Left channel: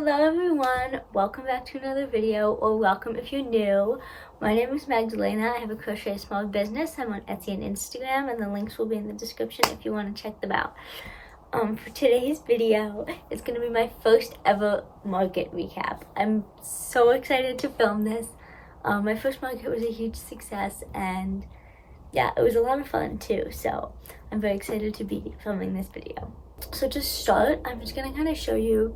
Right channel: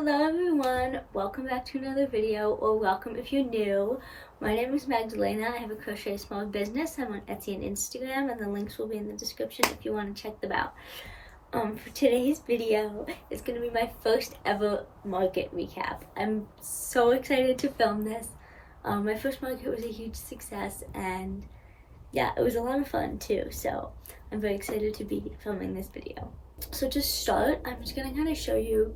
Hello everyone, welcome back to another video, or welcome if you're new. My name is Magdalena. I have a crochet small business. I'm on Etsy and Instagram, and the links will be in the description if you want to check them out. For today's video, it's going to be my first ever market recap. I'm so excited to film this. My first market was a huge success, and yeah, it was a lot of fun too, so I'm very excited to be filming this video. So to start, I'm just going to kind of show you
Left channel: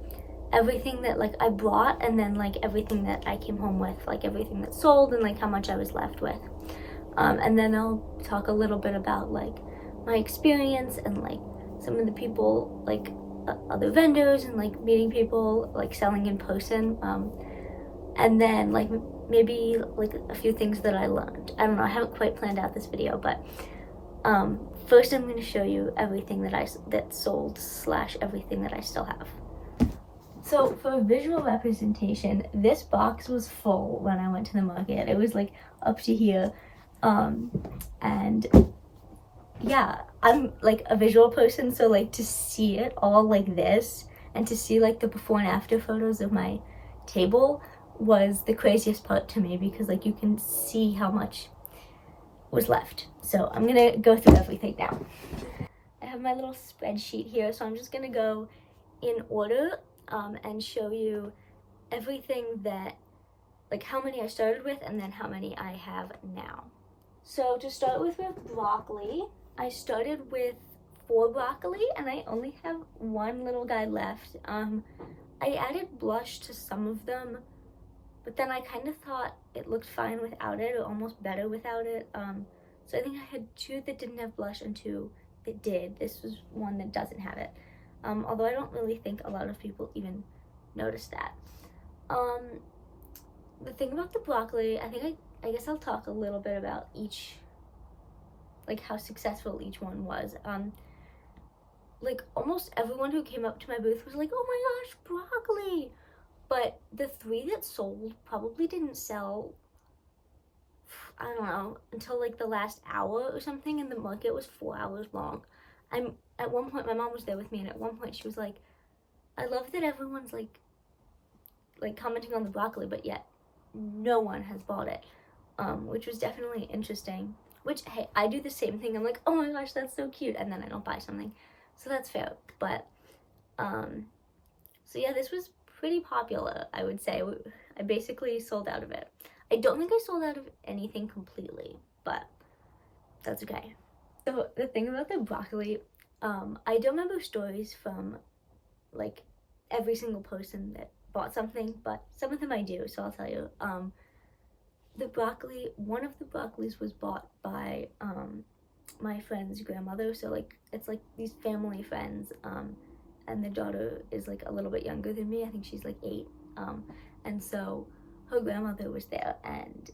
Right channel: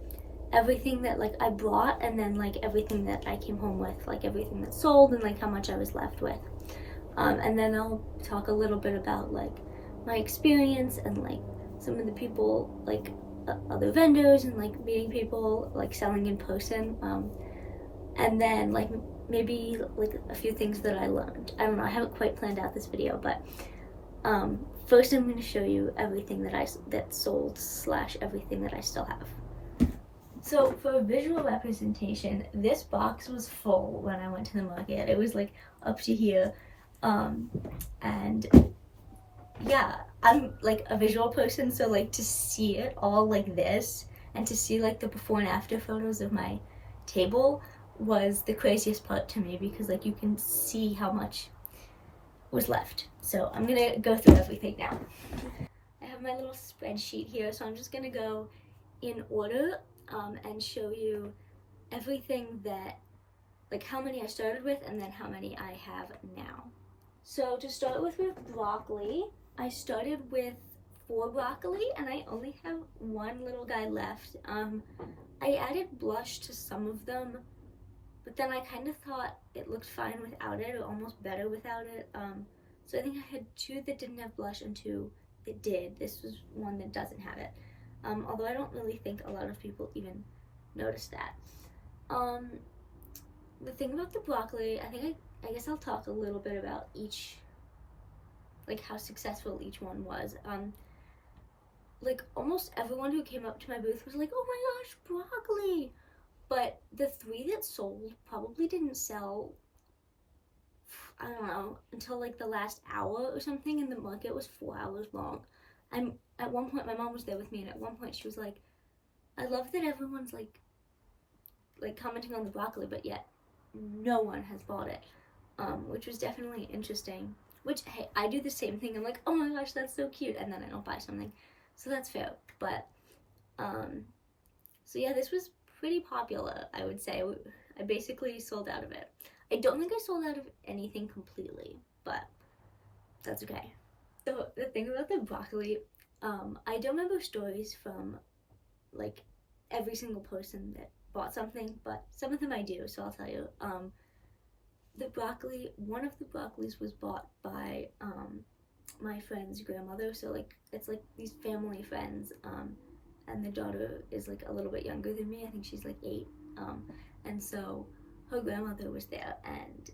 everything that I brought, and then everything that I came home with, everything that sold, and how much I was left with. And then I'll talk a little bit about my experience and some of the people, other vendors, and meeting people, selling in person. And then maybe a few things that I learned. I don't know, I haven't quite planned out this video, but first I'm going to show you everything that sold / everything that I still have. So for visual representation, this box was full when I went to the market. It was up to here. And yeah, I'm a visual person, so to see it all like this, and to see the before and after photos of my table was the craziest part to me, because you can see how much was left. So I'm gonna go through everything now. I have my little spreadsheet here, so I'm just gonna go in order and show you everything that, how many I started with and then how many I have now. So to start with broccoli, I started with 4 broccoli and I only have 1 little guy left. I added blush to some of them, but then I kind of thought it looked fine without it, or almost better without it. So I think I had 2 that didn't have blush and 2 that did. This was one that doesn't have it. Although I don't really think a lot of people even notice that. The thing about the broccoli, I guess I'll talk a little bit about each, how successful each one was. Almost everyone who came up to my booth was like, oh my gosh, broccoli! But the 3 that sold probably didn't sell, I don't know, until the last hour or something, and the market was 4 hours long. At one point, my mom was there with me, and at one point she was like, I love that everyone's commenting on the broccoli, but yet no one has bought it, which was definitely interesting. Which, hey, I do the same thing. I'm like, oh my gosh, that's so cute, and then I don't buy something, so that's fair. But so yeah, this was pretty popular, I would say. I basically sold out of it. I don't think I sold out of anything completely, but that's okay. So the thing about the broccoli, I don't remember stories from every single person that bought something, but some of them I do, so I'll tell you. The broccoli, one of the broccolis was bought by my friend's grandmother, so it's these family friends, and the daughter is a little bit younger than me. I think she's 8, and so her grandmother was there, and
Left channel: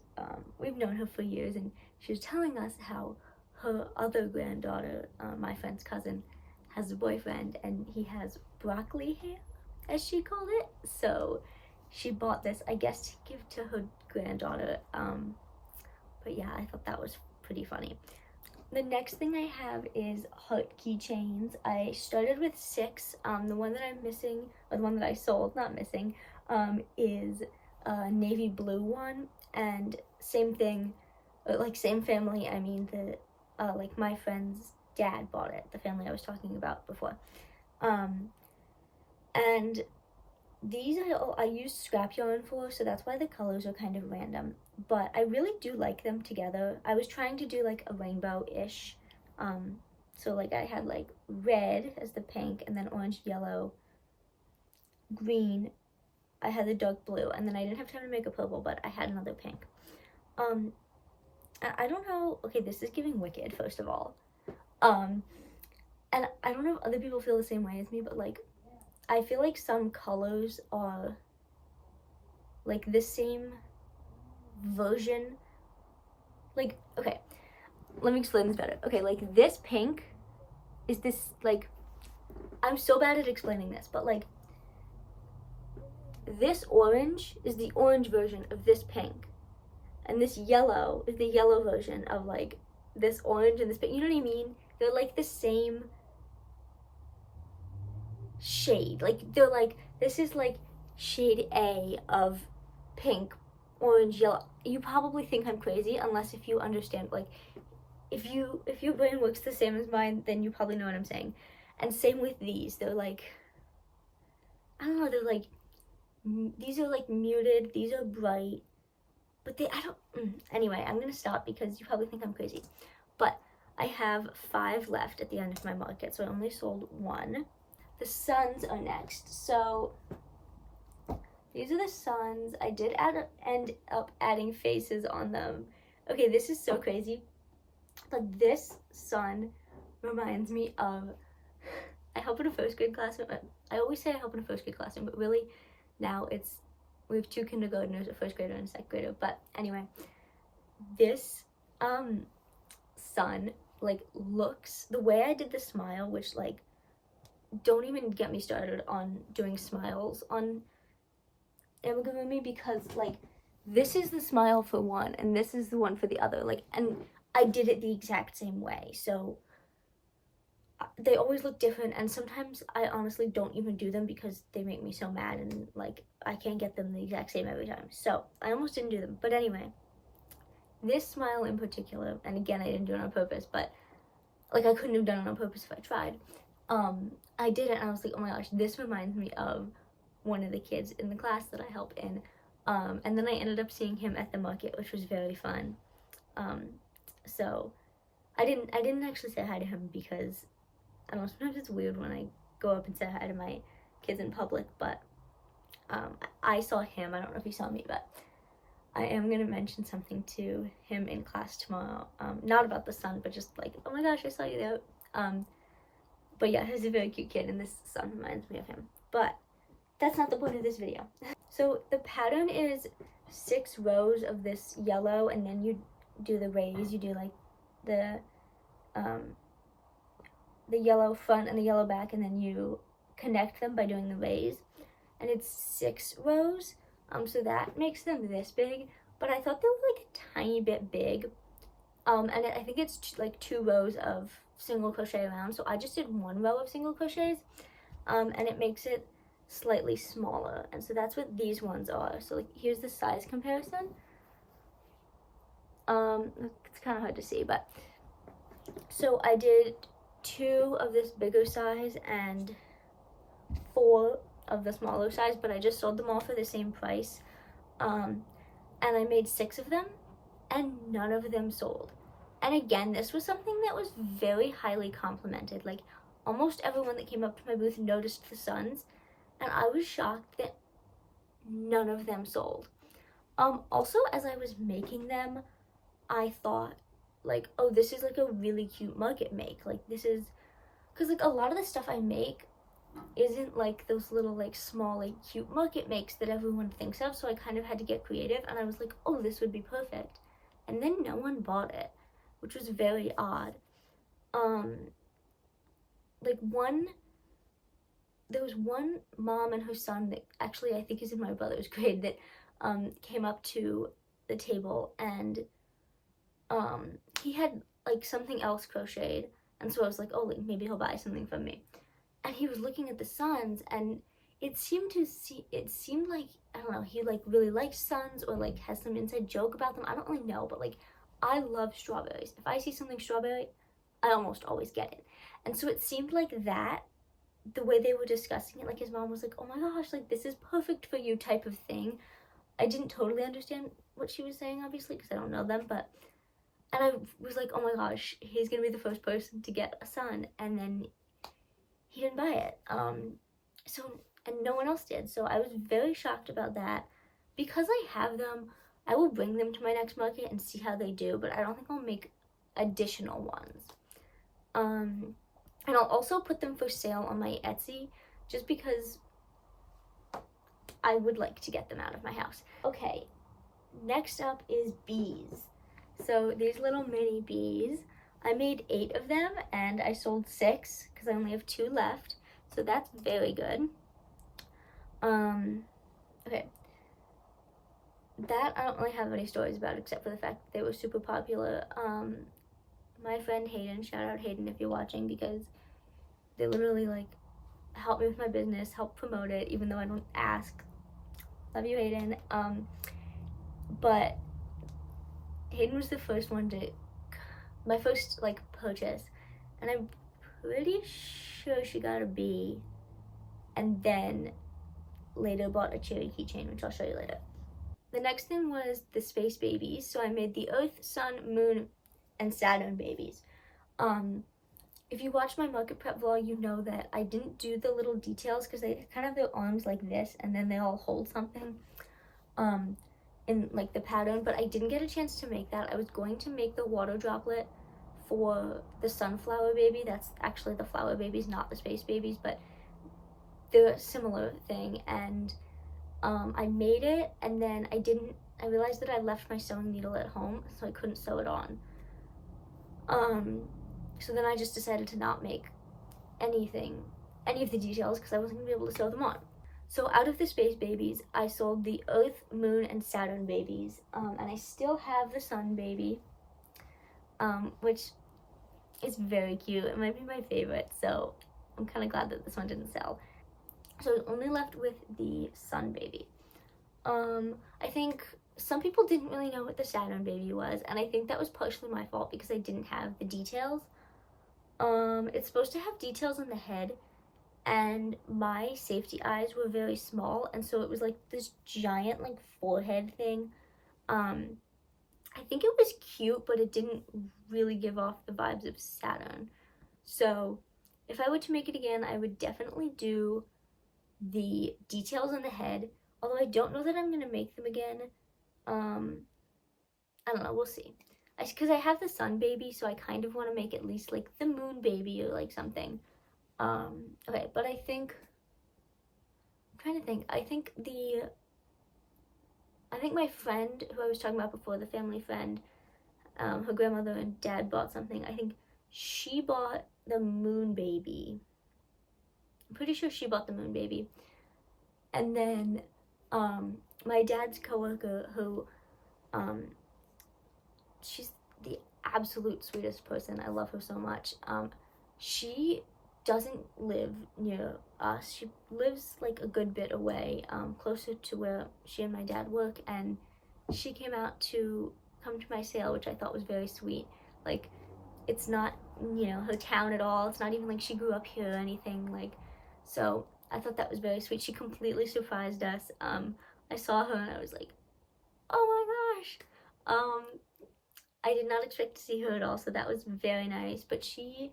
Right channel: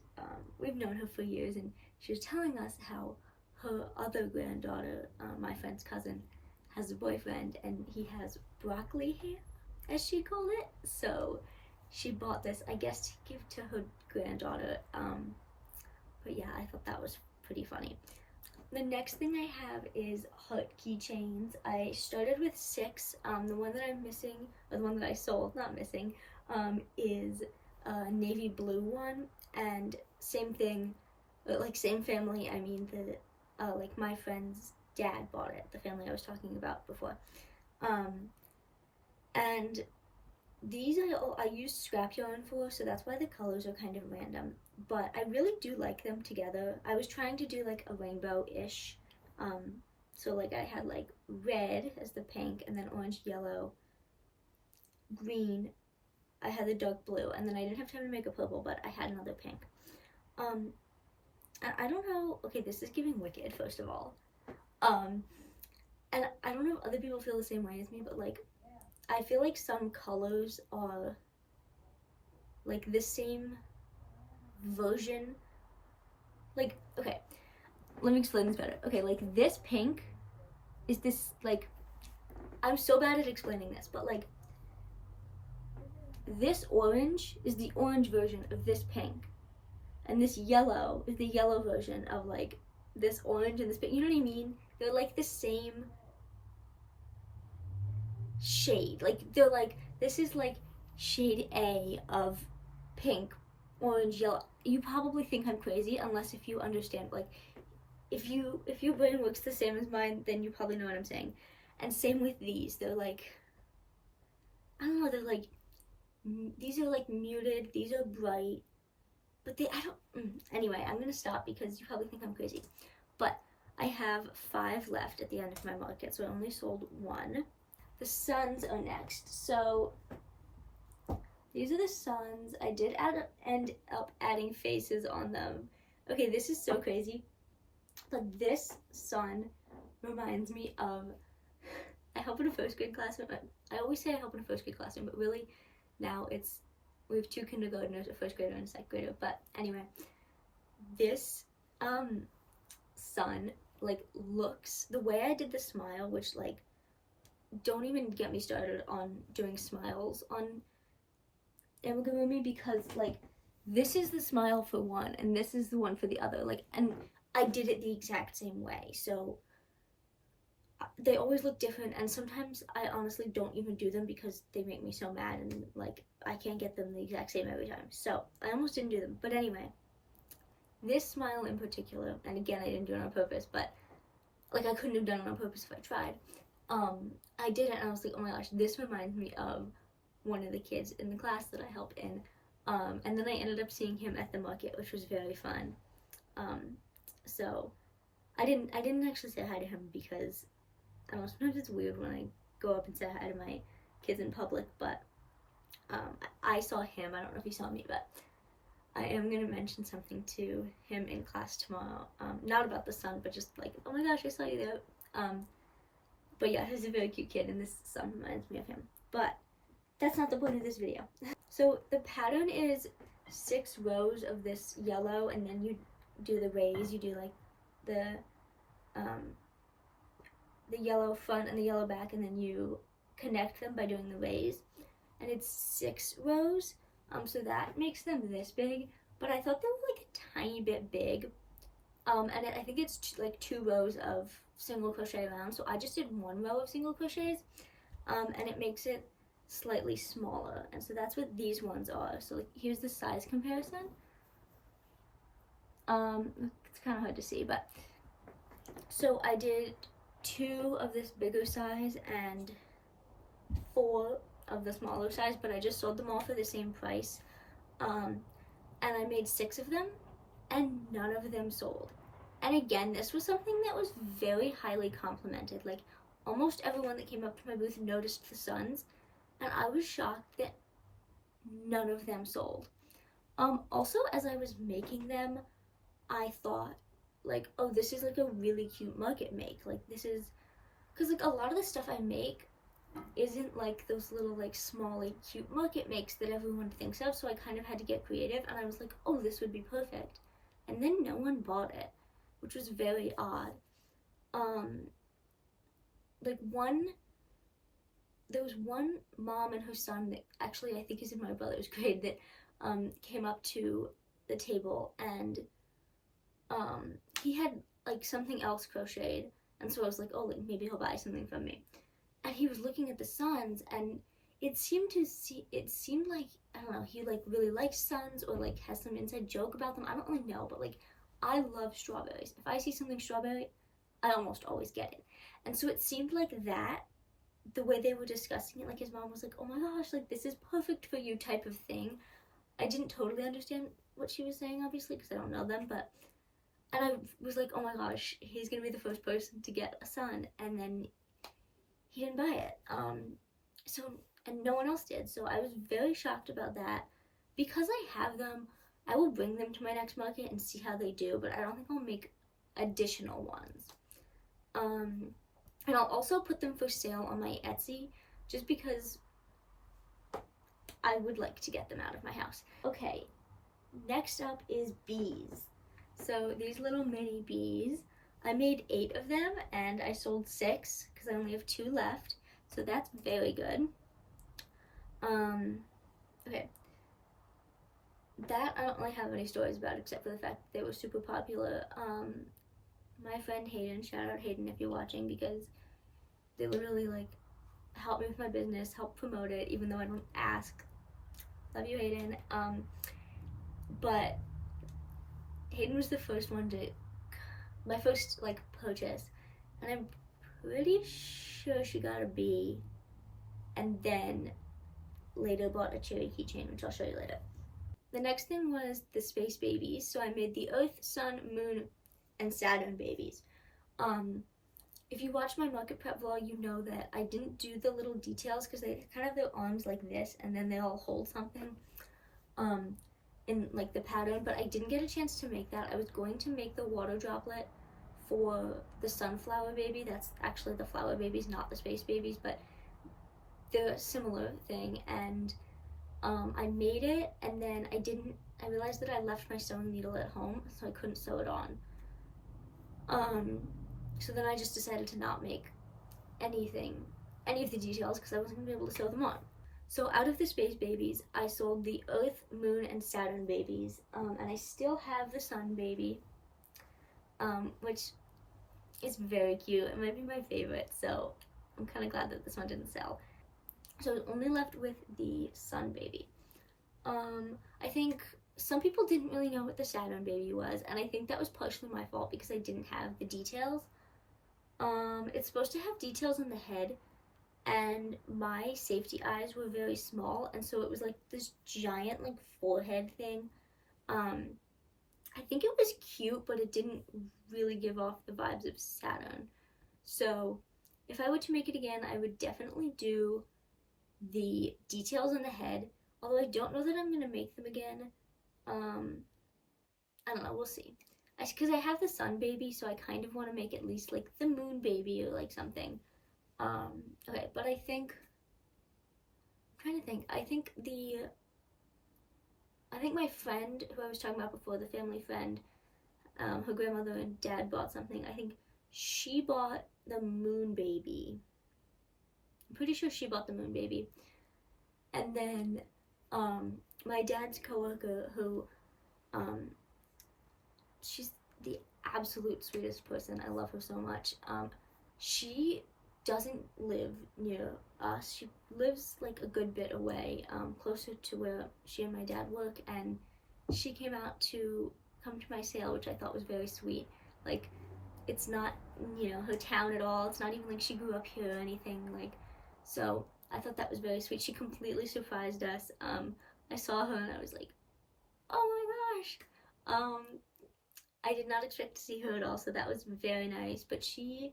we've known her for years, and she was telling us how her other granddaughter, my friend's cousin, has a boyfriend, and he has broccoli hair, as she called it. So she bought this, I guess, to give to her granddaughter. But yeah, I thought that was pretty funny. The next thing I have is heart keychains. I started with 6. The one that I'm missing, or the one that I sold, not missing, is a navy blue one, and same thing, same family. I mean, my friend's dad bought it, the family I was talking about before. And these I used scrap yarn for, so that's why the colors are kind of random, but I really do like them together. I was trying to do a rainbow-ish, so I had red as the pink, and then orange, yellow, green. I had the dark blue, and then I didn't have time to make a purple, but I had another pink. And I don't know, okay, this is giving Wicked, first of all. And I don't know if other people feel the same way as me, but I feel some colors are the same version. Okay, let me explain this better. Okay, this pink is this, I'm so bad at explaining this, but this orange is the orange version of this pink. And this yellow is the yellow version of this orange and this pink. You know what I mean? They're the same shade. They're this is shade A of pink, orange, yellow. You probably think I'm crazy unless if you understand, like, if your brain works the same as mine, then you probably know what I'm saying. And same with these. They're like, I don't know, they're like, these are like muted, these are bright, but anyway, I'm gonna stop because you probably think I'm crazy. But I have 5 left at the end of my market, so I only sold 1. The suns are next. So these are the suns. I did end up adding faces on them. Okay, this is so crazy, but this sun reminds me of, I help in a first grade classroom. I always say I help in a first grade classroom, but really now we have 2 kindergartners, a first grader and a second grader. But anyway, this sun, like, looks, the way I did the smile, which, like, don't even get me started on doing smiles on amigurumi, because, like, this is the smile for one and this is the one for the other, like, and I did it the exact same way, so they always look different. And sometimes I honestly don't even do them because they make me so mad, and, like, I can't get them the exact same every time, so I almost didn't do them. But anyway, this smile in particular, and again, I didn't do it on purpose, but, like, I couldn't have done it on purpose if I tried. I did it and I was like, oh my gosh, this reminds me of one of the kids in the class that I help in. And then I ended up seeing him at the market, which was very fun. So I didn't actually say hi to him because, I don't know, sometimes it's weird when I go up and say hi to my kids in public, but I saw him. I don't know if he saw me, but I am going to mention something to him in class tomorrow. Not about the sun, but just like, oh my gosh, I saw you there. But yeah, he's a very cute kid, and this sun reminds me of him. But that's not the point of this video. So the pattern is 6 rows of this yellow, and then you do the rays. You do like the yellow front and the yellow back, and then you connect them by doing the rays. And it's 6 rows. So that makes them this big, but I thought they were like a tiny bit big. And I think it's like 2 rows of single crochet around, so I just did 1 row of single crochets, and it makes it slightly smaller. And so that's what these ones are. So, like, here's the size comparison. It's kind of hard to see, but so I did 2 of this bigger size and 4 of the smaller size, but I just sold them all for the same price. And I made 6 of them, and none of them sold. And again, this was something that was very highly complimented. Like, almost everyone that came up to my booth noticed the suns, and I was shocked that none of them sold. Also, as I was making them, I thought, like, oh, this is like a really cute market make. Like, this is, because, like, a lot of the stuff I make isn't like those little, like, small, like, cute market makes that everyone thinks of, so I kind of had to get creative, and I was like, oh, this would be perfect. And then no one bought it, which was very odd. Like, there was one mom and her son that actually I think is in my brother's grade that came up to the table, and he had like something else crocheted, and so I was like, oh, like, maybe he'll buy something from me. And he was looking at the suns, and it seemed like, I don't know, he like really likes suns, or like has some inside joke about them. I don't really know, but like, I love strawberries. If I see something strawberry, I almost always get it. And so it seemed like that, the way they were discussing it, like his mom was like, oh my gosh, like, this is perfect for you type of thing. I didn't totally understand what she was saying, obviously, because I don't know them, but, and I was like, oh my gosh, he's gonna be the first person to get a sun, and then he didn't buy it. So, and no one else did, so I was very shocked about that. Because I have them, I will bring them to my next market and see how they do, but I don't think I'll make additional ones. And I'll also put them for sale on my Etsy, just because I would like to get them out of my house. Okay, next up is bees. So these little mini bees, I made 8 of them, and I sold 6 because I only have 2 left, so that's very good. Okay, that I don't really have any stories about, except for the fact that they were super popular. My friend Hayden, shout out Hayden if you're watching, because they literally like helped me with my business, helped promote it, even though I don't ask Love you, Hayden. But Hayden was the first one to, my first like purchase, and I'm pretty sure she got a B, and then later bought a cherry keychain, which I'll show you later. The next thing was the space babies. So I made the Earth, Sun, Moon, and Saturn babies. If you watch my market prep vlog, you know that I didn't do the little details because they kind of have their arms like this, and then they all hold something in like the pattern, but I didn't get a chance to make that. I was going to make the water droplet for the sunflower baby. That's actually the flower babies, not the space babies, but they're a similar thing. And I made it, and then I realized that I left my sewing needle at home, so I couldn't sew it on. So then I just decided to not make any of the details because I wasn't gonna be able to sew them on. So out of the space babies, I sold the Earth, Moon, and Saturn babies, and I still have the Sun baby, which is very cute. It might be my favorite, so I'm kind of glad that this one didn't sell. So I was only left with the Sun baby. I think some people didn't really know what the Saturn baby was, and I think that was partially my fault because I didn't have the details. It's supposed to have details on the head, and my safety eyes were very small, and so it was like this giant like forehead thing. I think it was cute, but it didn't really give off the vibes of Saturn. So if I were to make it again, I would definitely do the details on the head, although I don't know that I'm gonna make them again. I don't know, we'll see. Because I have the Sun baby, so I kind of want to make at least like the Moon baby or like something. Okay, but I'm trying to think. I think my friend who I was talking about before, the family friend, her grandmother and dad bought something. I think she bought the Moon baby. I'm pretty sure she bought the Moon baby. And then my dad's coworker, who she's the absolute sweetest person. I love her so much. She doesn't live near us. She lives like a good bit away, closer to where she and my dad work, and she came out to come to my sale, which I thought was very sweet. Like, it's not, her town at all. It's not even like she grew up here or anything. Like, so I thought that was very sweet. She completely surprised us. I saw her and I was like, oh my gosh. I did not expect to see her at all, so that was very nice. But she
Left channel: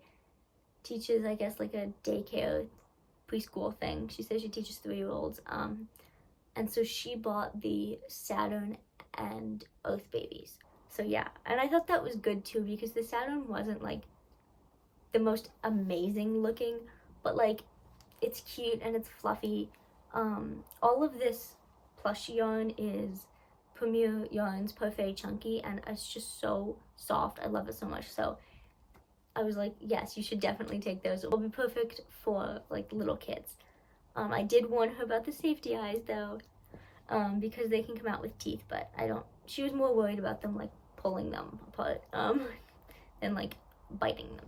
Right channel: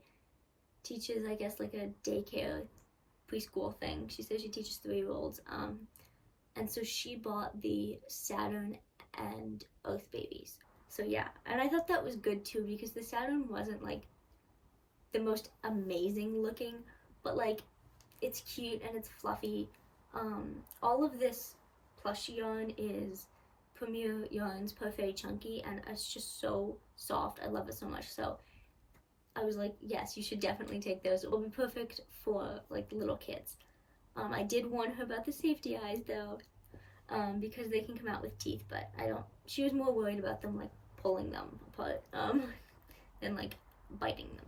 teaches, I guess, like a daycare preschool thing. She says she teaches 3-year-olds. And so she bought the Saturn and Earth babies. So yeah, and I thought that was good too, because the Saturn wasn't like the most amazing looking, but like it's cute and it's fluffy. All of this plush yarn is Premier Yarns Parfait Chunky, and it's just so soft. I love it so much. So I was like, yes, you should definitely take those. It will be perfect for like little kids. I did warn her about the safety eyes though, because they can come out with teeth, but she was more worried about them like pulling them apart than like biting them.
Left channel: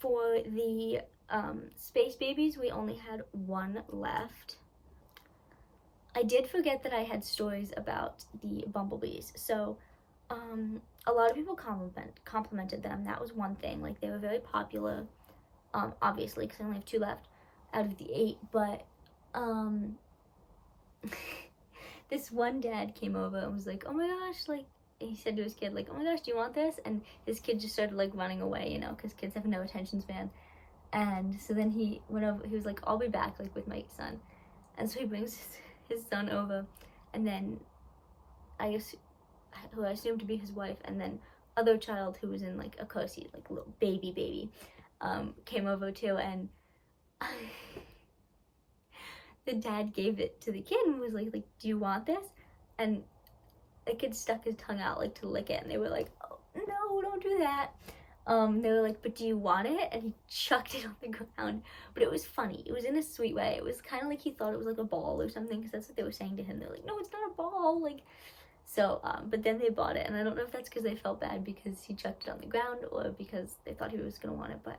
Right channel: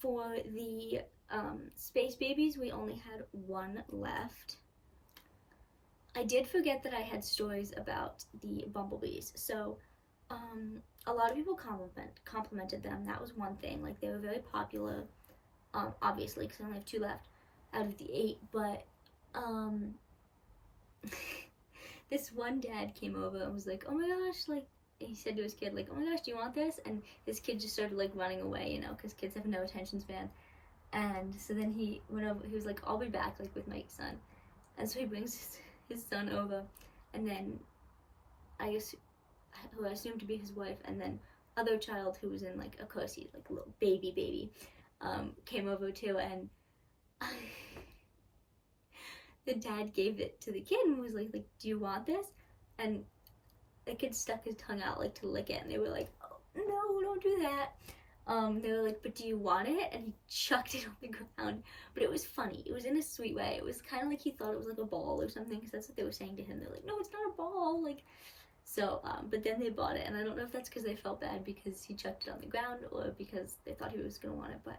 For the space babies, we only had one left. I did forget that I had stories about the bumblebees. So a lot of people complimented them. That was one thing. Like, they were very popular, obviously, because I only have 2 left out of the 8. But this one dad came over and was like, oh my gosh, like, he said to his kid, like, oh my gosh, do you want this? And his kid just started like running away, because kids have no attention span. And so then he went over, he was like, I'll be back, like, with my son. And so he brings his son over, and then who I assumed to be his wife, and then other child who was in like a car seat, like a little baby, came over too, and the dad gave it to the kid and was like, do you want this? And the kid stuck his tongue out like to lick it, and they were like, oh, no, don't do that. They were like, but do you want it? And he chucked it on the ground. But it was funny. It was in a sweet way. It was kind of like he thought it was like a ball or something, because that's what they were saying to him. They're like, no, it's not a ball. Like, so, but then they bought it, and I don't know if that's because they felt bad because he chucked it on the ground or because they thought he was gonna want it. But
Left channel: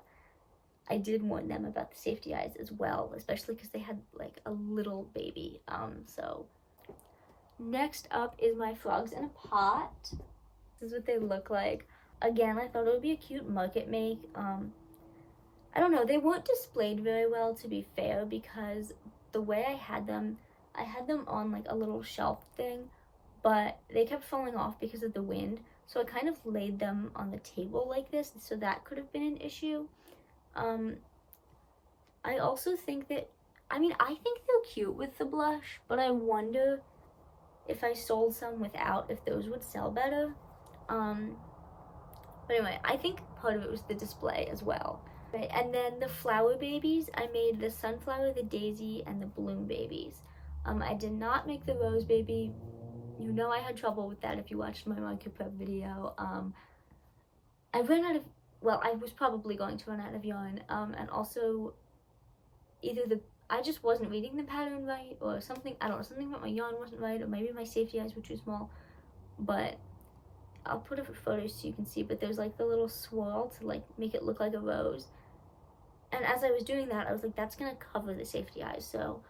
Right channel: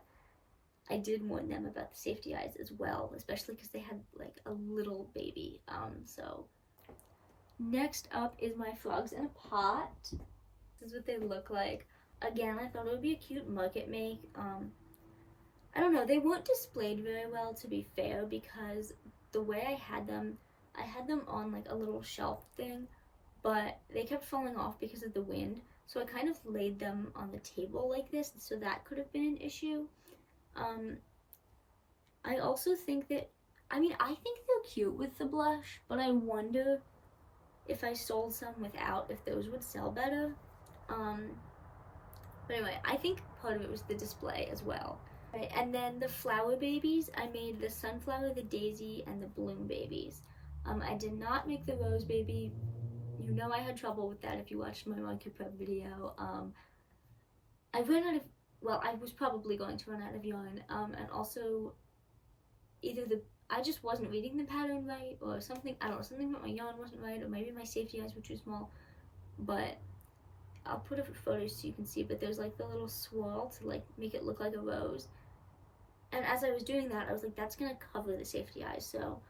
I did warn them about the safety eyes as well, especially because they had like a little baby. So next up is my frogs in a pot. This is what they look like. Again, I thought it would be a cute market make. I don't know, they weren't displayed very well, to be fair, because the way I had them on like a little shelf thing, but they kept falling off because of the wind, so I kind of laid them on the table like this, so that could have been an issue. I also think that, I mean, I think they're cute with the blush, but I wonder if I sold some without, if those would sell better. But anyway, I think part of it was the display as well. Right, and then the flower babies, I made the sunflower, the daisy, and the bloom babies. I did not make the rose baby. You know I had trouble with that if you watched my market prep video. I ran out of, well, I was probably going to run out of yarn, and also I just wasn't reading the pattern right, or something, I don't know, something about my yarn wasn't right, or maybe my safety eyes were too small, but I'll put up photos so you can see, but there's like the little swirl to like make it look like a rose. And as I was doing that, I was like, that's gonna cover the safety eyes, so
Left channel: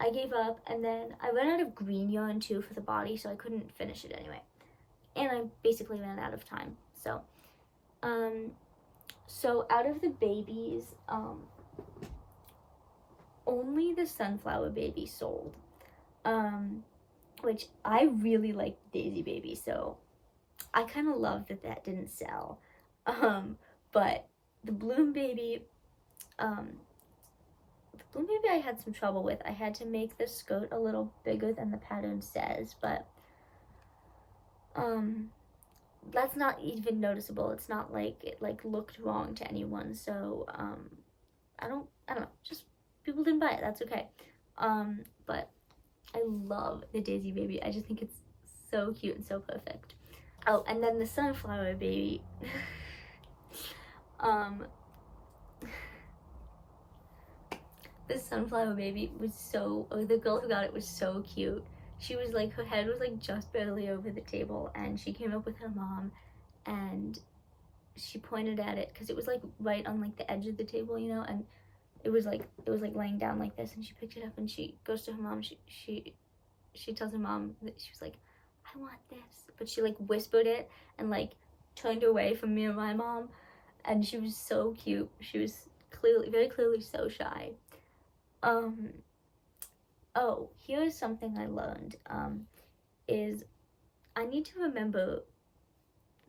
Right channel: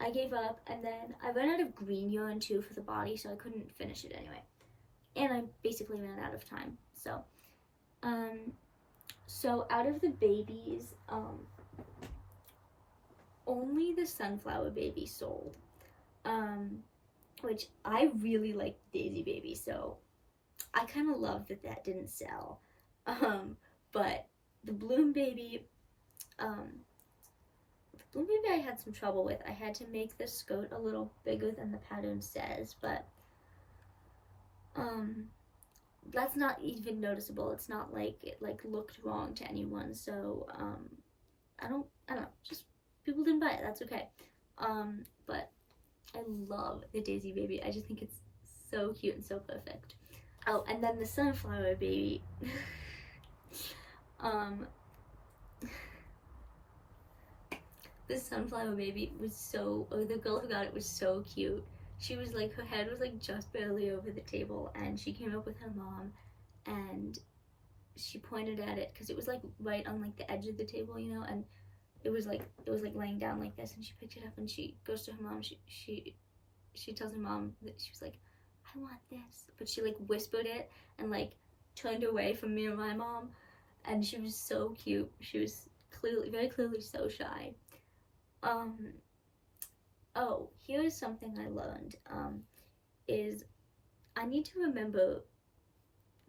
I gave up, and then I ran out of green yarn too for the body, so I couldn't finish it anyway. And I basically ran out of time, so. So out of the babies, only the sunflower baby sold, which I really like Daisy Baby, so I kind of love that that didn't sell. But the Bloom Baby, I had some trouble with. I had to make the skirt a little bigger than the pattern says, but that's not even noticeable. It's not like it like looked wrong to anyone, so I don't know, just people didn't buy it, that's okay. But I love the Daisy Baby. I just think it's so cute and so perfect. Oh, and then the sunflower baby. The sunflower baby was so, or the girl who got it was so cute. She was like, her head was like just barely over the table, and she came up with her mom, and she pointed at it, because it was like right on like the edge of the table, you know, and it was like laying down like this, and she picked it up, and she goes to her mom, she tells her mom that she was like, I want this, but she like whispered it and like turned away from me or my mom, and she was so cute. She was very clearly so shy. Oh, here's something I learned, is I need to remember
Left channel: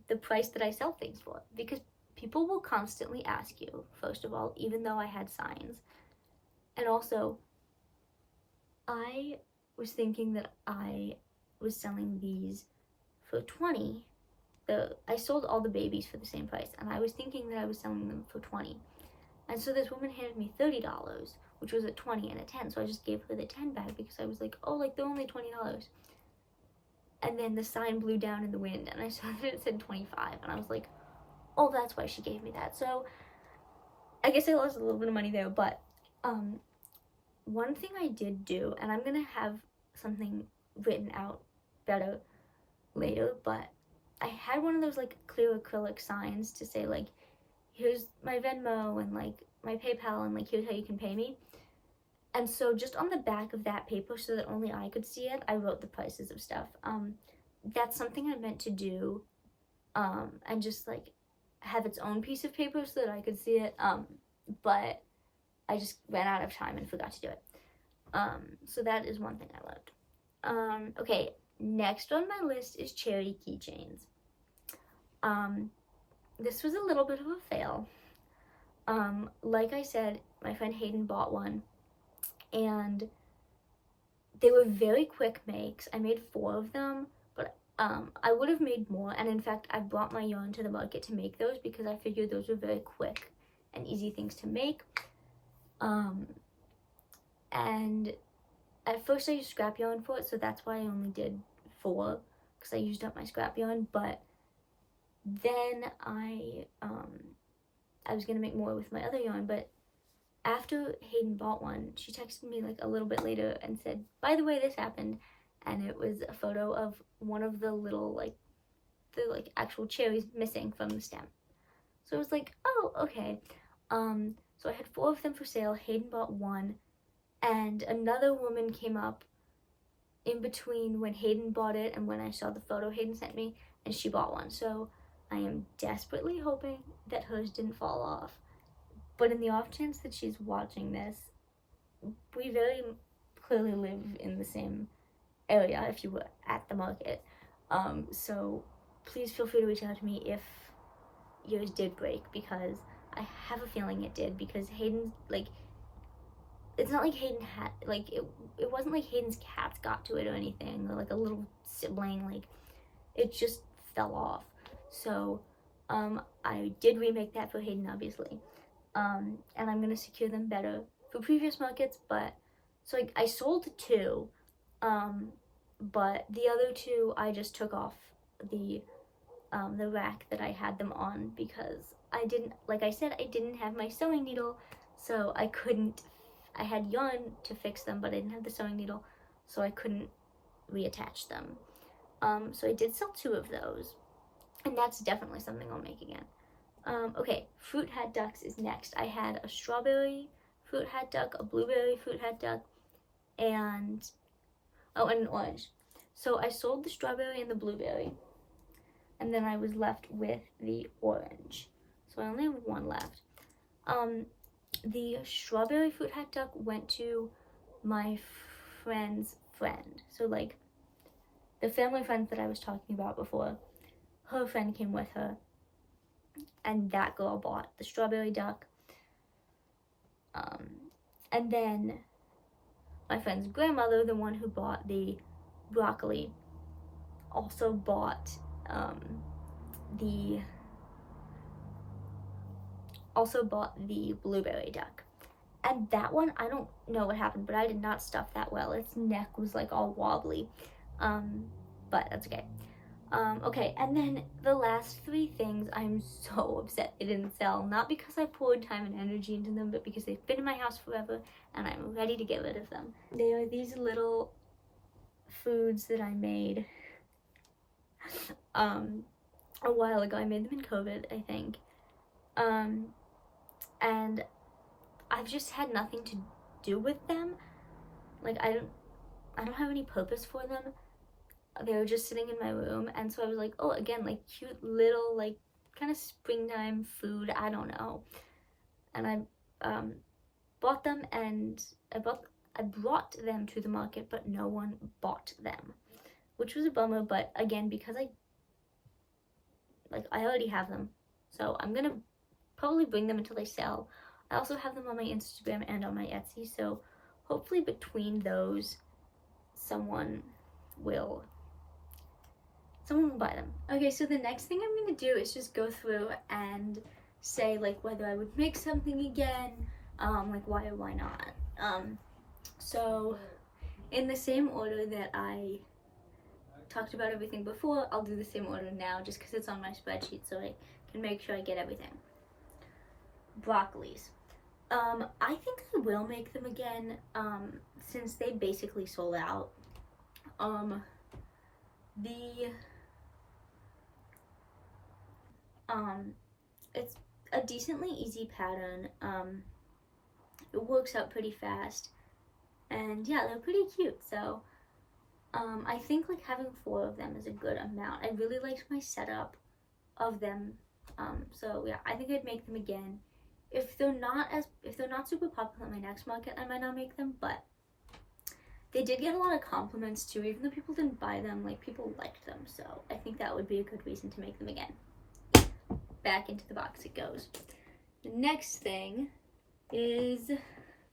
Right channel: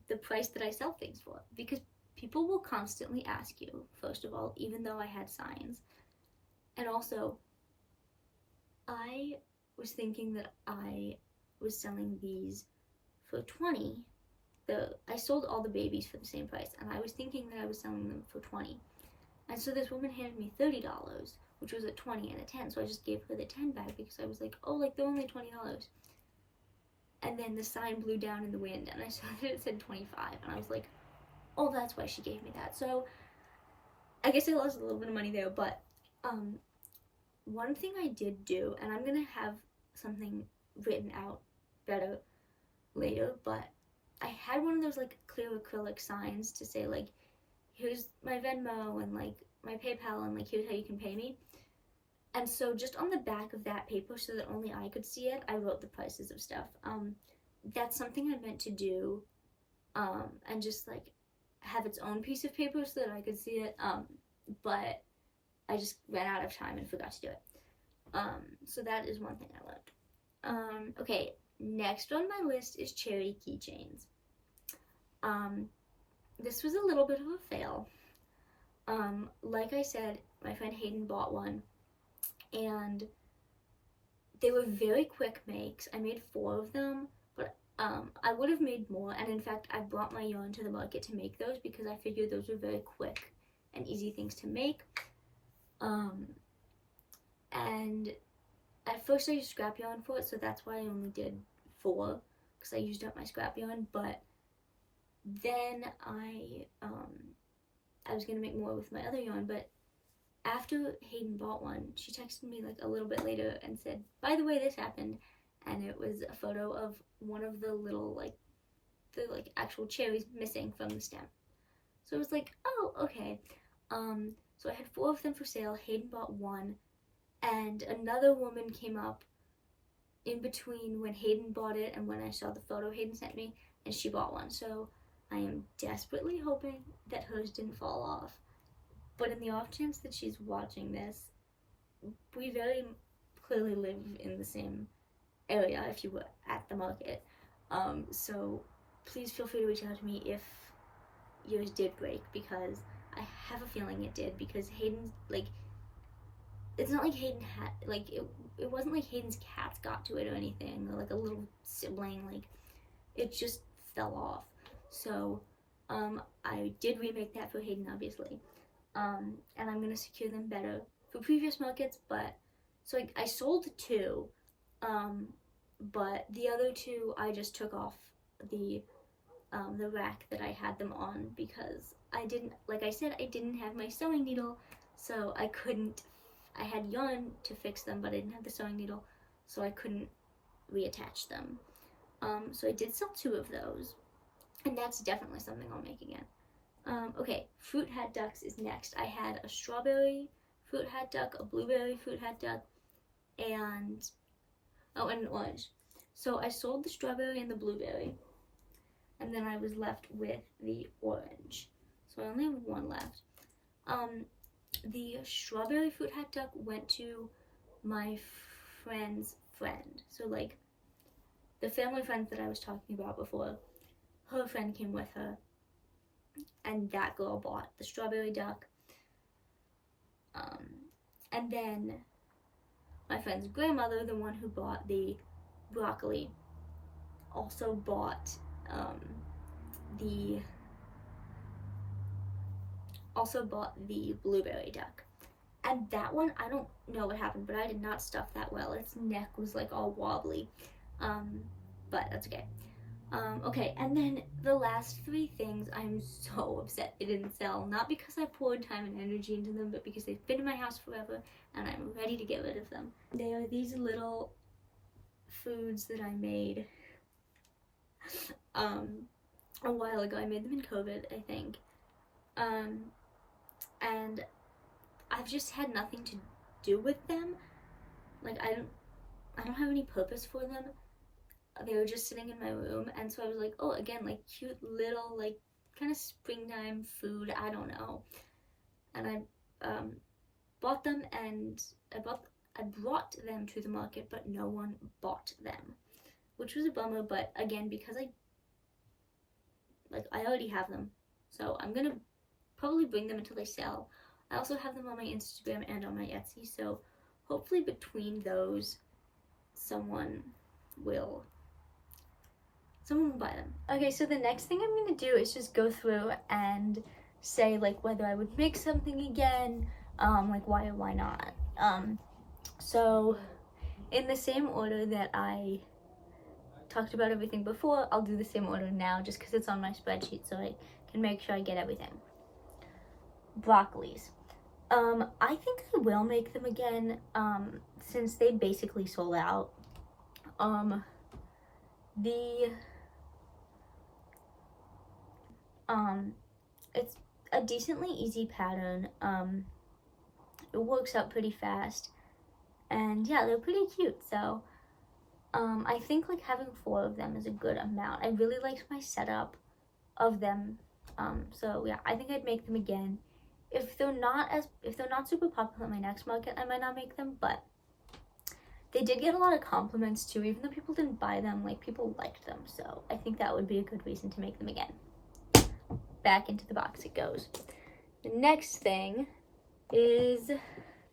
the price that I sell things for, because people will constantly ask you, first of all, even though I had signs. And also, I was thinking that I was selling these for $20. I sold all the babies for the same price, and I was thinking that I was selling them for $20. And so this woman handed me $30, which was a 20 and a 10. So I just gave her the 10 back, because I was like, oh, like they're only $20. And then the sign blew down in the wind, and I saw that it said 25, and I was like, oh, that's why she gave me that. So I guess I lost a little bit of money there, but one thing I did do, and I'm gonna have something written out better later, but I had one of those like clear acrylic signs to say like, here's my Venmo and like my PayPal, and like here's how you can pay me. And so just on the back of that paper, so that only I could see it, I wrote the prices of stuff. That's something I meant to do, and just like have its own piece of paper so that I could see it, but I just ran out of time and forgot to do it. So that is one thing I learned. Okay, next on my list is cherry keychains. This was a little bit of a fail. Like I said, my friend Hayden bought one, and they were very quick makes. I made 4 of them, but I would have made more, and in fact I brought my yarn to the market to make those, because I figured those were very quick and easy things to make. And at first I used scrap yarn for it, so that's why I only did 4, because I used up my scrap yarn. But then I was gonna make more with my other yarn, but after Hayden bought one, she texted me like a little bit later and said, by the way, this happened, and it was a photo of one of the little like actual cherries missing from the stem. So I was like, oh, okay. So I had 4 of them for sale. Hayden bought one, and another woman came up in between when Hayden bought it and when I saw the photo Hayden sent me, and she bought one. So I am desperately hoping that hers didn't fall off. But in the off chance that she's watching this, we very clearly live in the same area if you were at the market. So please feel free to reach out to me if yours did break, because I have a feeling it did, because Hayden, like, it's not like Hayden had, like, it wasn't like Hayden's cats got to it or anything, or like a little sibling, like, it just fell off. So I did remake that for Hayden, obviously, and I'm gonna secure them better for previous markets. But so I sold 2, but the other 2 I just took off the rack that I had them on, because I didn't, like I said, I didn't have my sewing needle, so I couldn't, I had yarn to fix them, but I didn't have the sewing needle, so I couldn't reattach them. So I did sell 2 of those, and that's definitely something I'll make again. Okay, fruit hat ducks is next. I had a strawberry fruit hat duck, a blueberry fruit hat duck, and an orange. So I sold the strawberry and the blueberry, and then I was left with the orange. So I only have 1 left. The strawberry fruit hat duck went to my friend's friend. So like the family friend that I was talking about before, her friend came with her, and that girl bought the strawberry duck. And then my friend's grandmother, the one who bought the broccoli, also bought the blueberry duck. And that one, I don't know what happened, but I did not stuff that well. Its neck was like all wobbly, but that's okay. Okay, and then the last 3 things, I'm so upset they didn't sell. Not because I poured time and energy into them, but because they've been in my house forever and I'm ready to get rid of them. They are these little foods that I made a while ago. I made them in COVID, I think. And I've just had nothing to do with them. Like, I don't have any purpose for them. They were just sitting in my room, and so I was like, oh, again, like cute little, like, kind of springtime food, I don't know. And I bought them, and I brought them to the market, but no one bought them, which was a bummer. But again, because I already have them, so I'm gonna probably bring them until they sell. I also have them on my Instagram and on my Etsy, so hopefully between those, someone will buy them. Okay, so the next thing I'm gonna do is just go through and say like whether I would make something again, like why or why not. So in the same order that I talked about everything before, I'll do the same order now, just because it's on my spreadsheet, so I can make sure I get everything. Broccolis. I think I will make them again, since they basically sold out. It's a decently easy pattern. It works out pretty fast, and yeah, they're pretty cute. So I think like having 4 of them is a good amount. I really liked my setup of them. So yeah, I think I'd make them again. If they're not super popular at my next market, I might not make them, but they did get a lot of compliments too. Even though people didn't buy them, like people liked them, so I think that would be a good reason to make them again. Back into the box it goes. The next thing is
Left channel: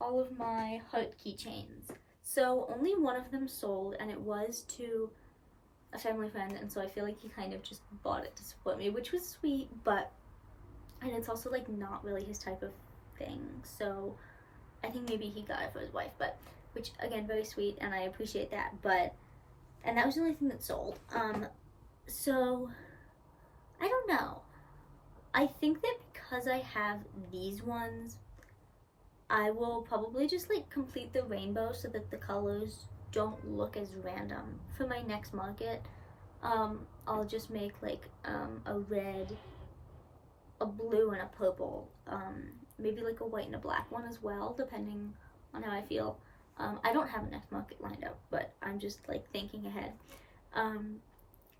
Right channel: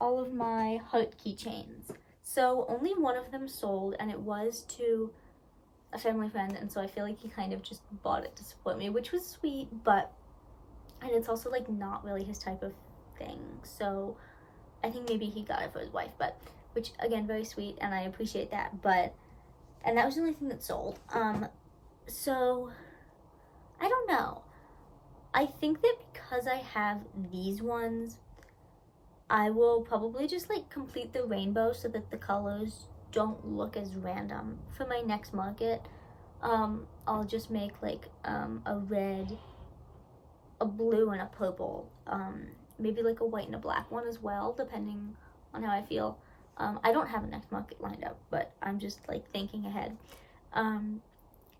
all of my heart keychains. So only one of them sold, and it was to a family friend, and so I feel like he kind of just bought it to support me, which was sweet, and it's also like not really his type of thing, so I think maybe he got it for his wife, but which again, very sweet, and I appreciate that. And that was the only thing that sold. So I don't know. I think that because I have these ones, I will probably just like complete the rainbow so that the colors don't look as random. For my next market, I'll just make like a red, a blue, and a purple, maybe like a white and a black one as well, depending on how I feel. I don't have a next market lined up, but I'm just like thinking ahead.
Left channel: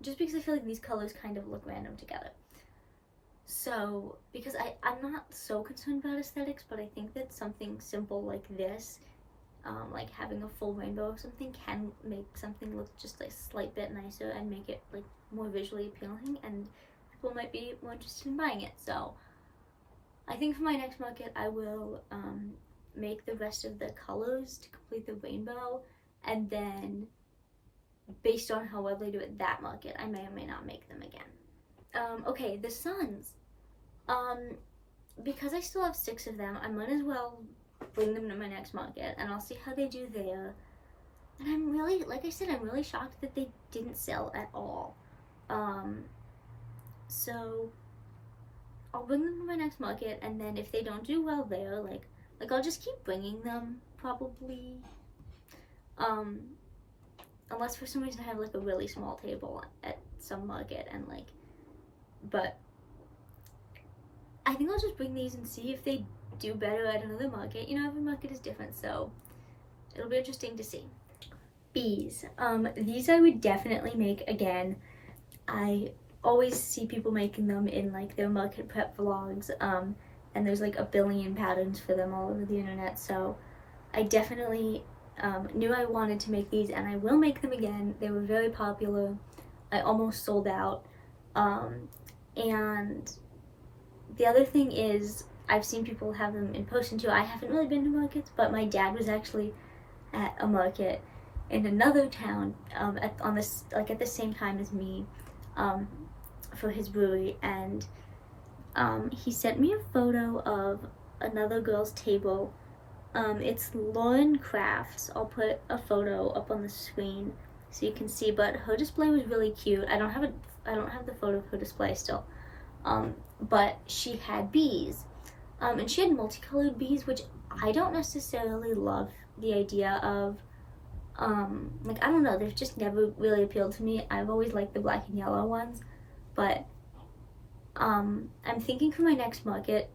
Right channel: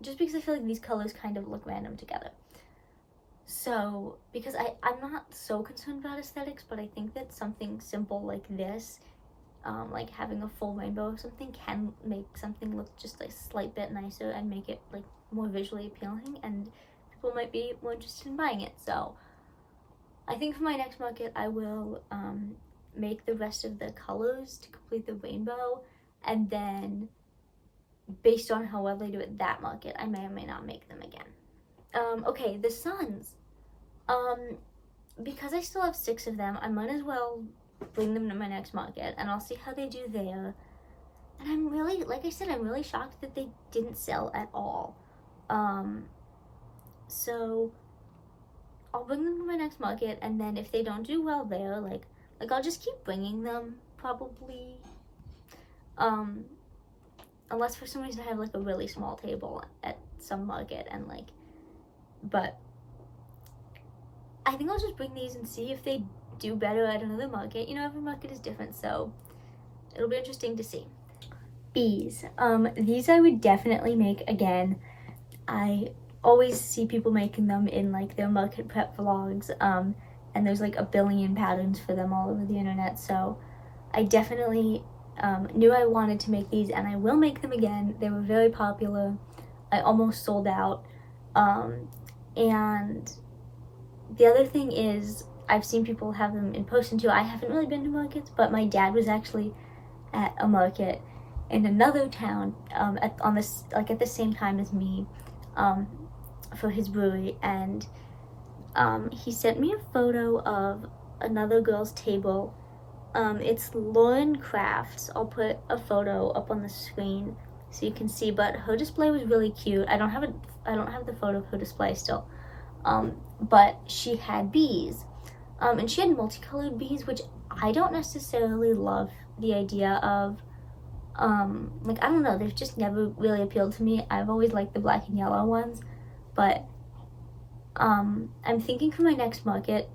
Just because I feel like these colors kind of look random together. So, because I'm not so concerned about aesthetics, but I think that something simple like this, like having a full rainbow or something, can make something look just a slight bit nicer and make it like more visually appealing, and people might be more interested in buying it. So, I think for my next market, I will make the rest of the colors to complete the rainbow, and then based on how well I do at that market, I may or may not make them again. Okay, the suns. Um, because I still have 6 of them, I might as well bring them to my next market, and I'll see how they do there. And I'm really, like I said, I'm really shocked that they didn't sell at all. So I'll bring them to my next market, and then if they don't do well there, like I'll just keep bringing them, probably. Unless for some reason I have like a really small table at some market, and like, but I think I'll just bring these and see if they do better at another market. You know, every market is different, so it'll be interesting to see. Bees. These I would definitely make again. I always see people making them in like their market prep vlogs, and there's like a billion patterns for them all over the internet, so I definitely knew I wanted to make these, and I will make them again. They were very popular. I almost sold out. And the other thing is, I've seen people have them in person too. I haven't really been to markets, but my dad was actually at a market in another town at the same time as me, for his brewery, and he sent me a photo of another girl's table. It's Lauren Crafts. I'll put a photo up on the screen so you can see, but her display was really cute. I don't have the photo of her display still. But she had bees. And she had multicolored bees, which I don't necessarily love the idea of. Like, I don't know, they've just never really appealed to me. I've always liked the black and yellow ones, but I'm thinking for my next market,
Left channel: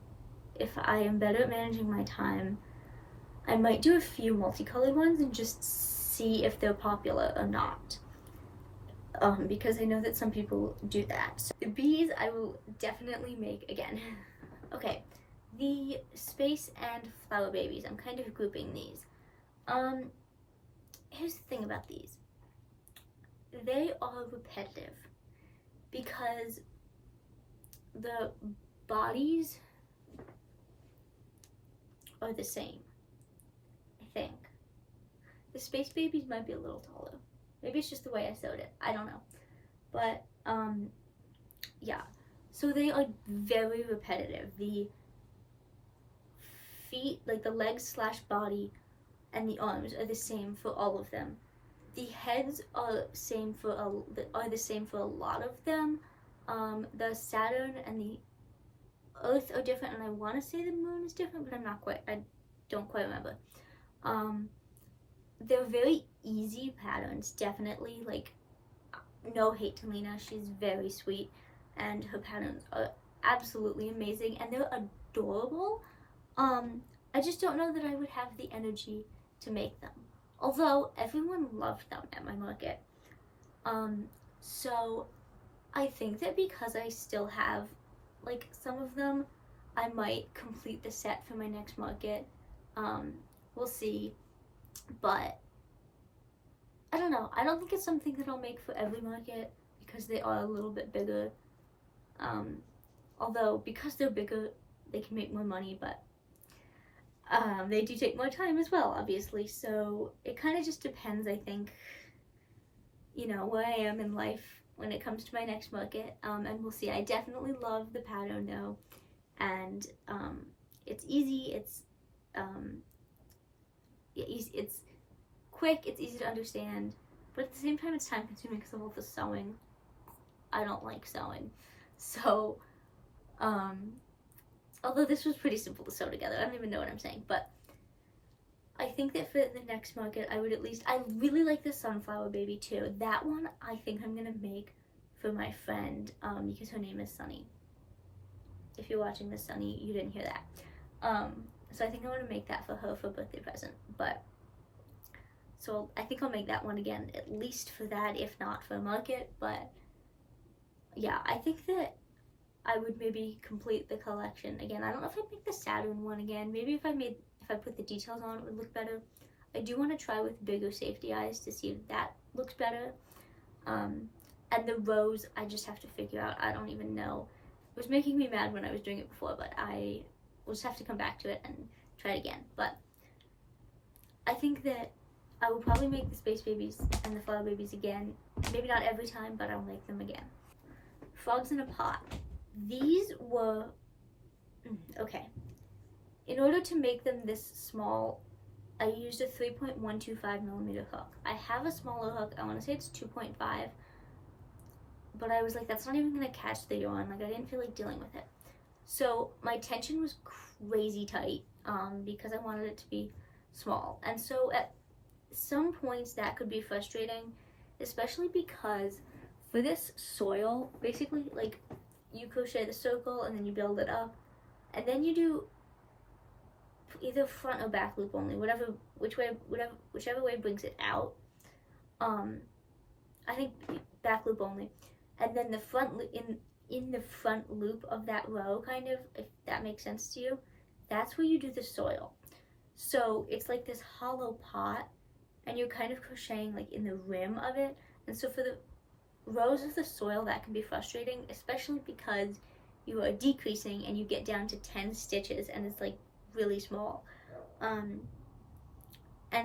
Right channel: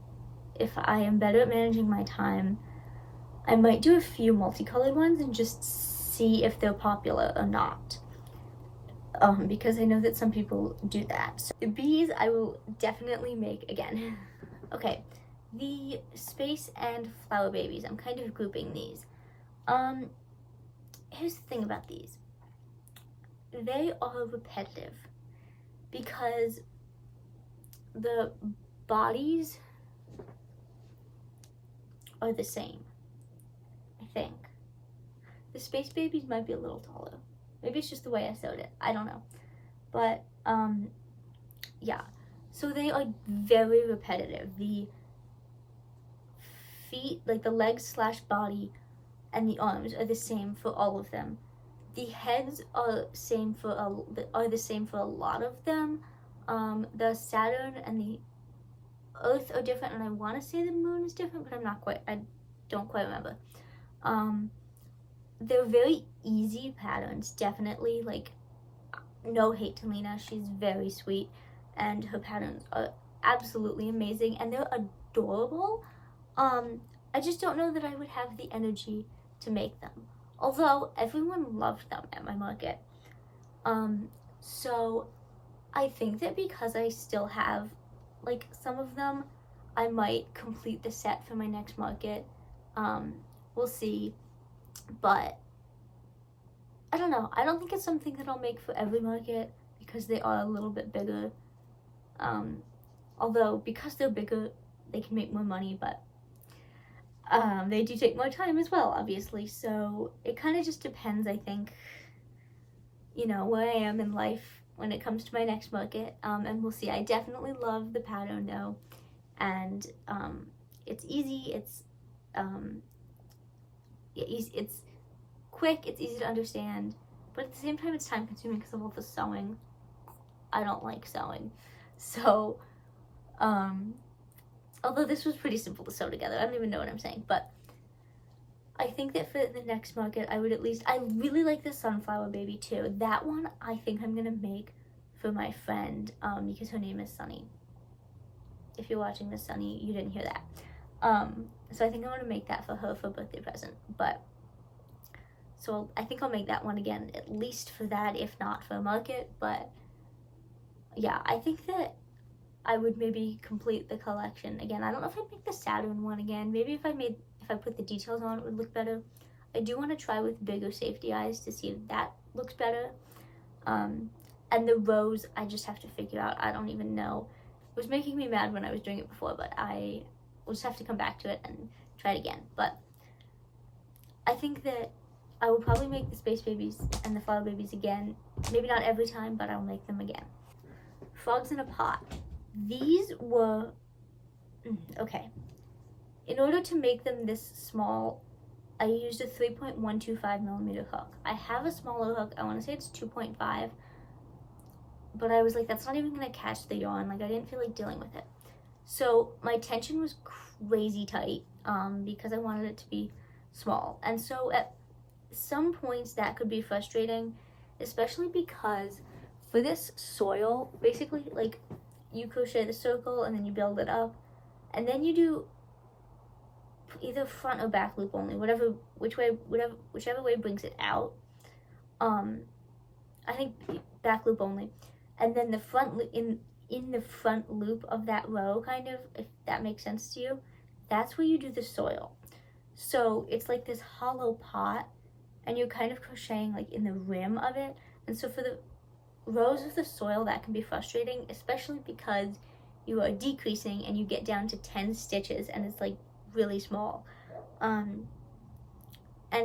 if I am better at managing my time, I might do a few multicolored ones and just see if they're popular or not. Because I know that some people do that. So bees I will definitely make again. Okay, the space and flower babies, I'm kind of grouping these. Here's the thing about these. They are repetitive because the bodies are the same, I think. The space babies might be a little taller. Maybe it's just the way I sewed it. I don't know. But, yeah. So they are very repetitive. The feet, like the legs / body, and the arms are the same for all of them. The heads are the same for a lot of them. The Saturn and the Earth are different, and I want to say the moon is different, but I don't quite remember. They're very easy patterns, definitely. Like, no hate to Lena, she's very sweet, and her patterns are absolutely amazing, and they're adorable. I just don't know that I would have the energy to make them, although everyone loved them at my market. So I think that because I still have like some of them, I might complete the set for my next market. We'll see, but I don't know. I don't think it's something that I'll make for every market because they are a little bit bigger. Although because they're bigger, they can make more money, but they do take more time as well, obviously. So it kind of just depends, I think, you know, where I am in life when it comes to my next market. And we'll see. I definitely love the pattern though, and it's easy. It's quick. It's easy to understand, but at the same time, it's time consuming because of all the sewing. I don't like sewing, so although this was pretty simple to sew together, I don't even know what I'm saying, but I think that for the next market, I really like the sunflower baby too. That one, I think I'm gonna make for my friend, because her name is Sunny. If you're watching this, Sunny, you didn't hear that. So I think I want to make that for her for a birthday present, but So I think I'll make that one again, at least for that, if not for a market. But yeah, I think that I would maybe complete the collection again. I don't know if I'd make the Saturn one again. Maybe if I put the details on, it would look better. I do want to try with bigger safety eyes to see if that looks better. And the rose, I just have to figure out. I don't even know. It was making me mad when I was doing it before, but I will just have to come back to it and try it again. But I think that I will probably make the space babies and the flower babies again. Maybe not every time, but I'll make them again. Frogs in a pot. These were, okay. In order to make them this small, I used a 3.125 millimeter hook. I have a smaller hook. I want to say it's 2.5. But I was like, that's not even going to catch the yarn. Like, I didn't feel like dealing with it. So my tension was crazy tight because I wanted it to be small. And so at some points that could be frustrating, especially because for this soil, basically, like, you crochet the circle and then you build it up. And then you do either front or back loop only, whichever way brings it out. I think back loop only. And then the front in the front loop of that row, kind of, if that makes sense to you, that's where you do the soil. So it's like this hollow pot, and you're kind of crocheting like in the rim of it. And so for the rows of the soil, that can be frustrating, especially because you are decreasing and you get down to 10 stitches and it's like really small. And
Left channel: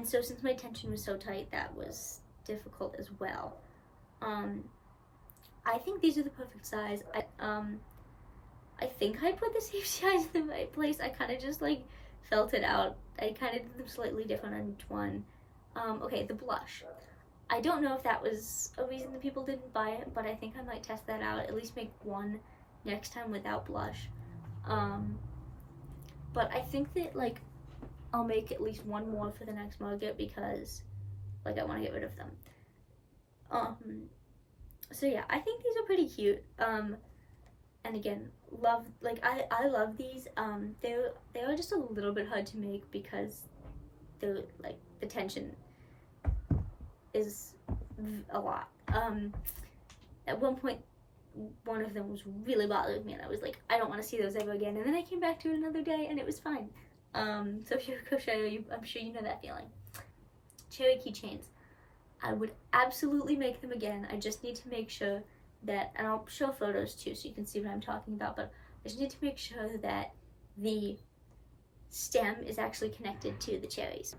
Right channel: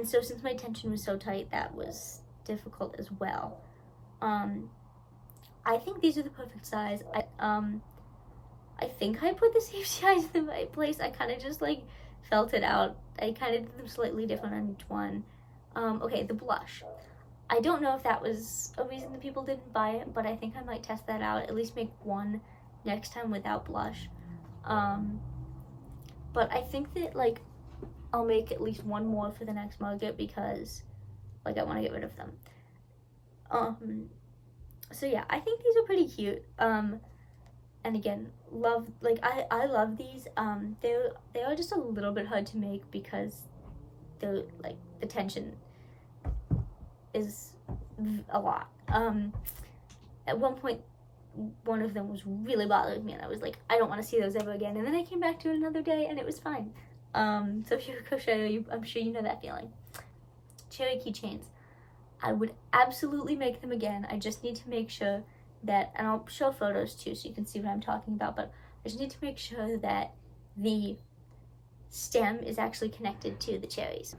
so since my tension was so tight, that was difficult as well. I think these are the perfect size. I think I put the safety eyes in the right place. I kind of just like felt it out. I kind of did them slightly different on each one. Okay, the blush. I don't know if that was a reason that people didn't buy it, but I think I might test that out. At least make one next time without blush. But I think that like I'll make at least one more for the next market because like I want to get rid of them. So yeah, I think these are pretty cute. And again, I love these. They are just a little bit hard to make because they're like the tension is a lot. At one point, one of them was really bothering me, and I was like, I don't want to see those ever again. And then I came back to it another day, and it was fine. So if you're a crocheter, I'm sure you know that feeling. Cherry keychains. I would absolutely make them again. I just need to make sure that, and I'll show photos too so you can see what I'm talking about, but I just need to make sure that the stem is actually connected to the cherries.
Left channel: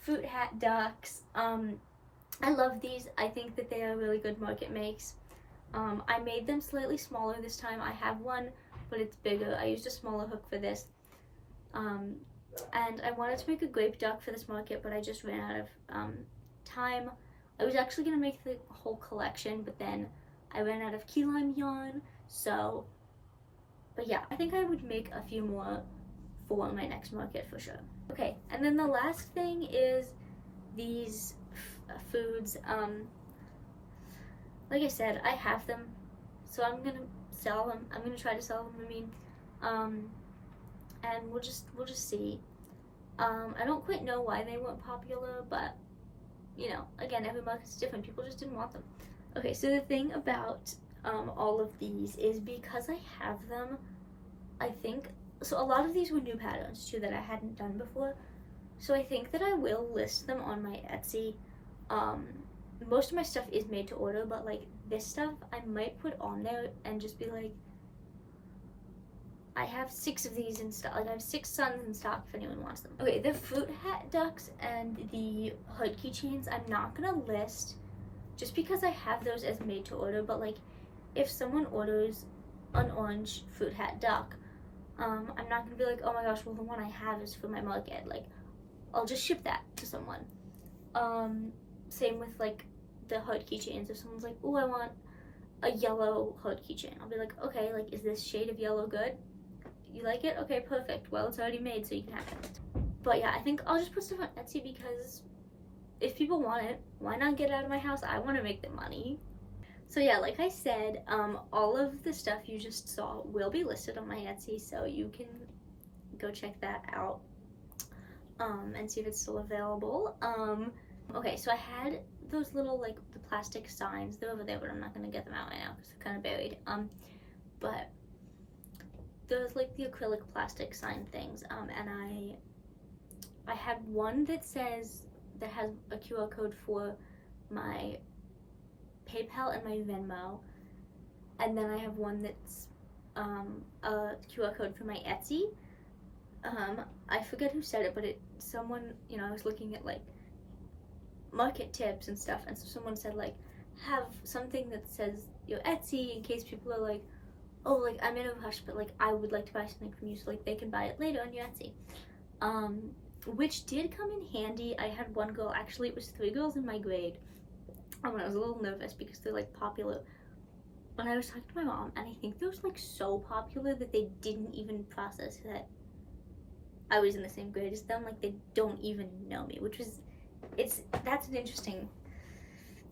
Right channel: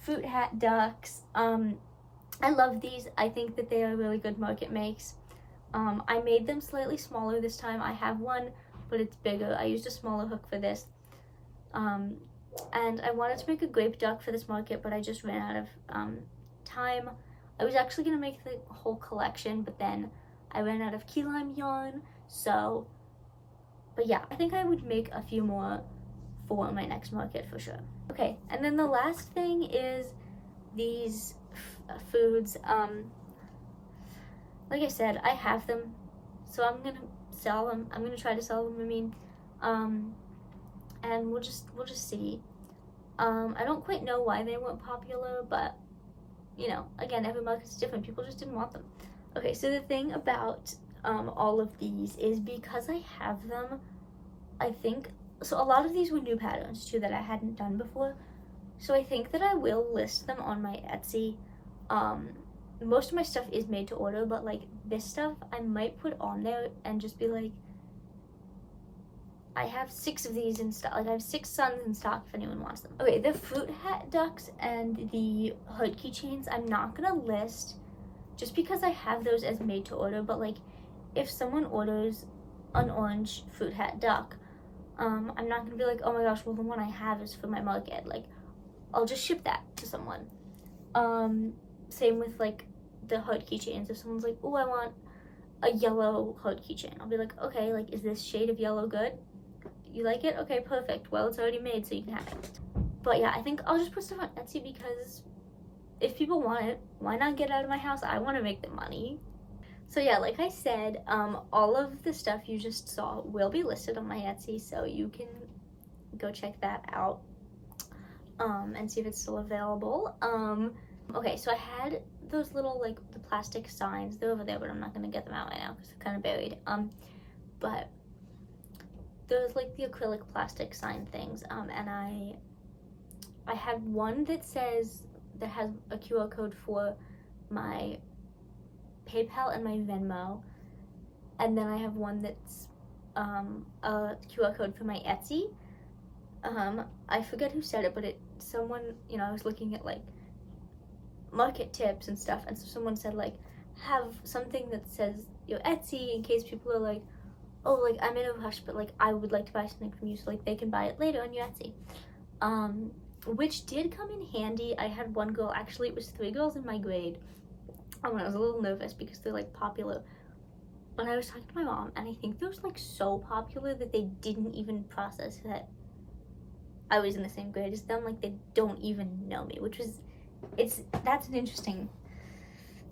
Fruit hat ducks. I love these. I think that they are really good market makes. I made them slightly smaller this time. I have one, but it's bigger. I used a smaller hook for this. And I wanted to make a grape duck for this market, but I just ran out of time. I was actually going to make the whole collection, but then I ran out of key lime yarn, so, but yeah, I think I would make a few more for my next market for sure. Okay, and then the last thing is these foods. Like I said, I have them, so I'm going to sell them. I'm going to try to sell them, and we'll just see. I don't quite know why they weren't popular, but you know, again, every market's different. People just didn't want them. Okay, so the thing about all of these is because I have them, I think, so a lot of these were new patterns too that I hadn't done before. So I think that I will list them on my Etsy. Most of my stuff is made to order, but like this stuff I might put on there and just be like, I have 6 of these in stock. Like I have 6 suns in stock if anyone wants them. Okay, the fruit hat ducks and the hood keychains I'm not gonna list just because I have those as made to order, but like if someone orders an orange fruit hat duck, I'm not gonna be like, oh my gosh, well the one I have is for my market. Like I'll just ship that to someone. Same with like the hood keychains. If someone's like, oh, I want a yellow hood keychain, I'll be like, okay, like is this shade of yellow good? You like it? Okay, perfect. Well, it's already made, so you can have it. But yeah, I think I'll just put stuff on Etsy because if people want it, why not get it out of my house? I want to make the money. So yeah, like I said, all of the stuff you just saw will be listed on my Etsy, so you can go check that out and see if it's still available. Okay, so I had those little, like, the plastic signs. They're over there, but I'm not gonna get them out right now because they're kind of buried. But there's, like, the acrylic plastic sign things, and I had one that has a QR code for my PayPal and my Venmo, and then I have one that's a QR code for my Etsy. I forget who said it, but someone, I was looking at, like, market tips and stuff, and so someone said, like, have something that says your Etsy in case people are like, oh, like, I'm in a rush, but, like, I would like to buy something from you, so, like, they can buy it later on your Etsy. Which did come in handy. I had one girl, actually, it was 3 girls in my grade, and I was a little nervous because they're, like, popular. But I was talking to my mom, and I think they're, like, so popular that they didn't even process that I was in the same grade as them. Like, they don't even know me, which was, that's an interesting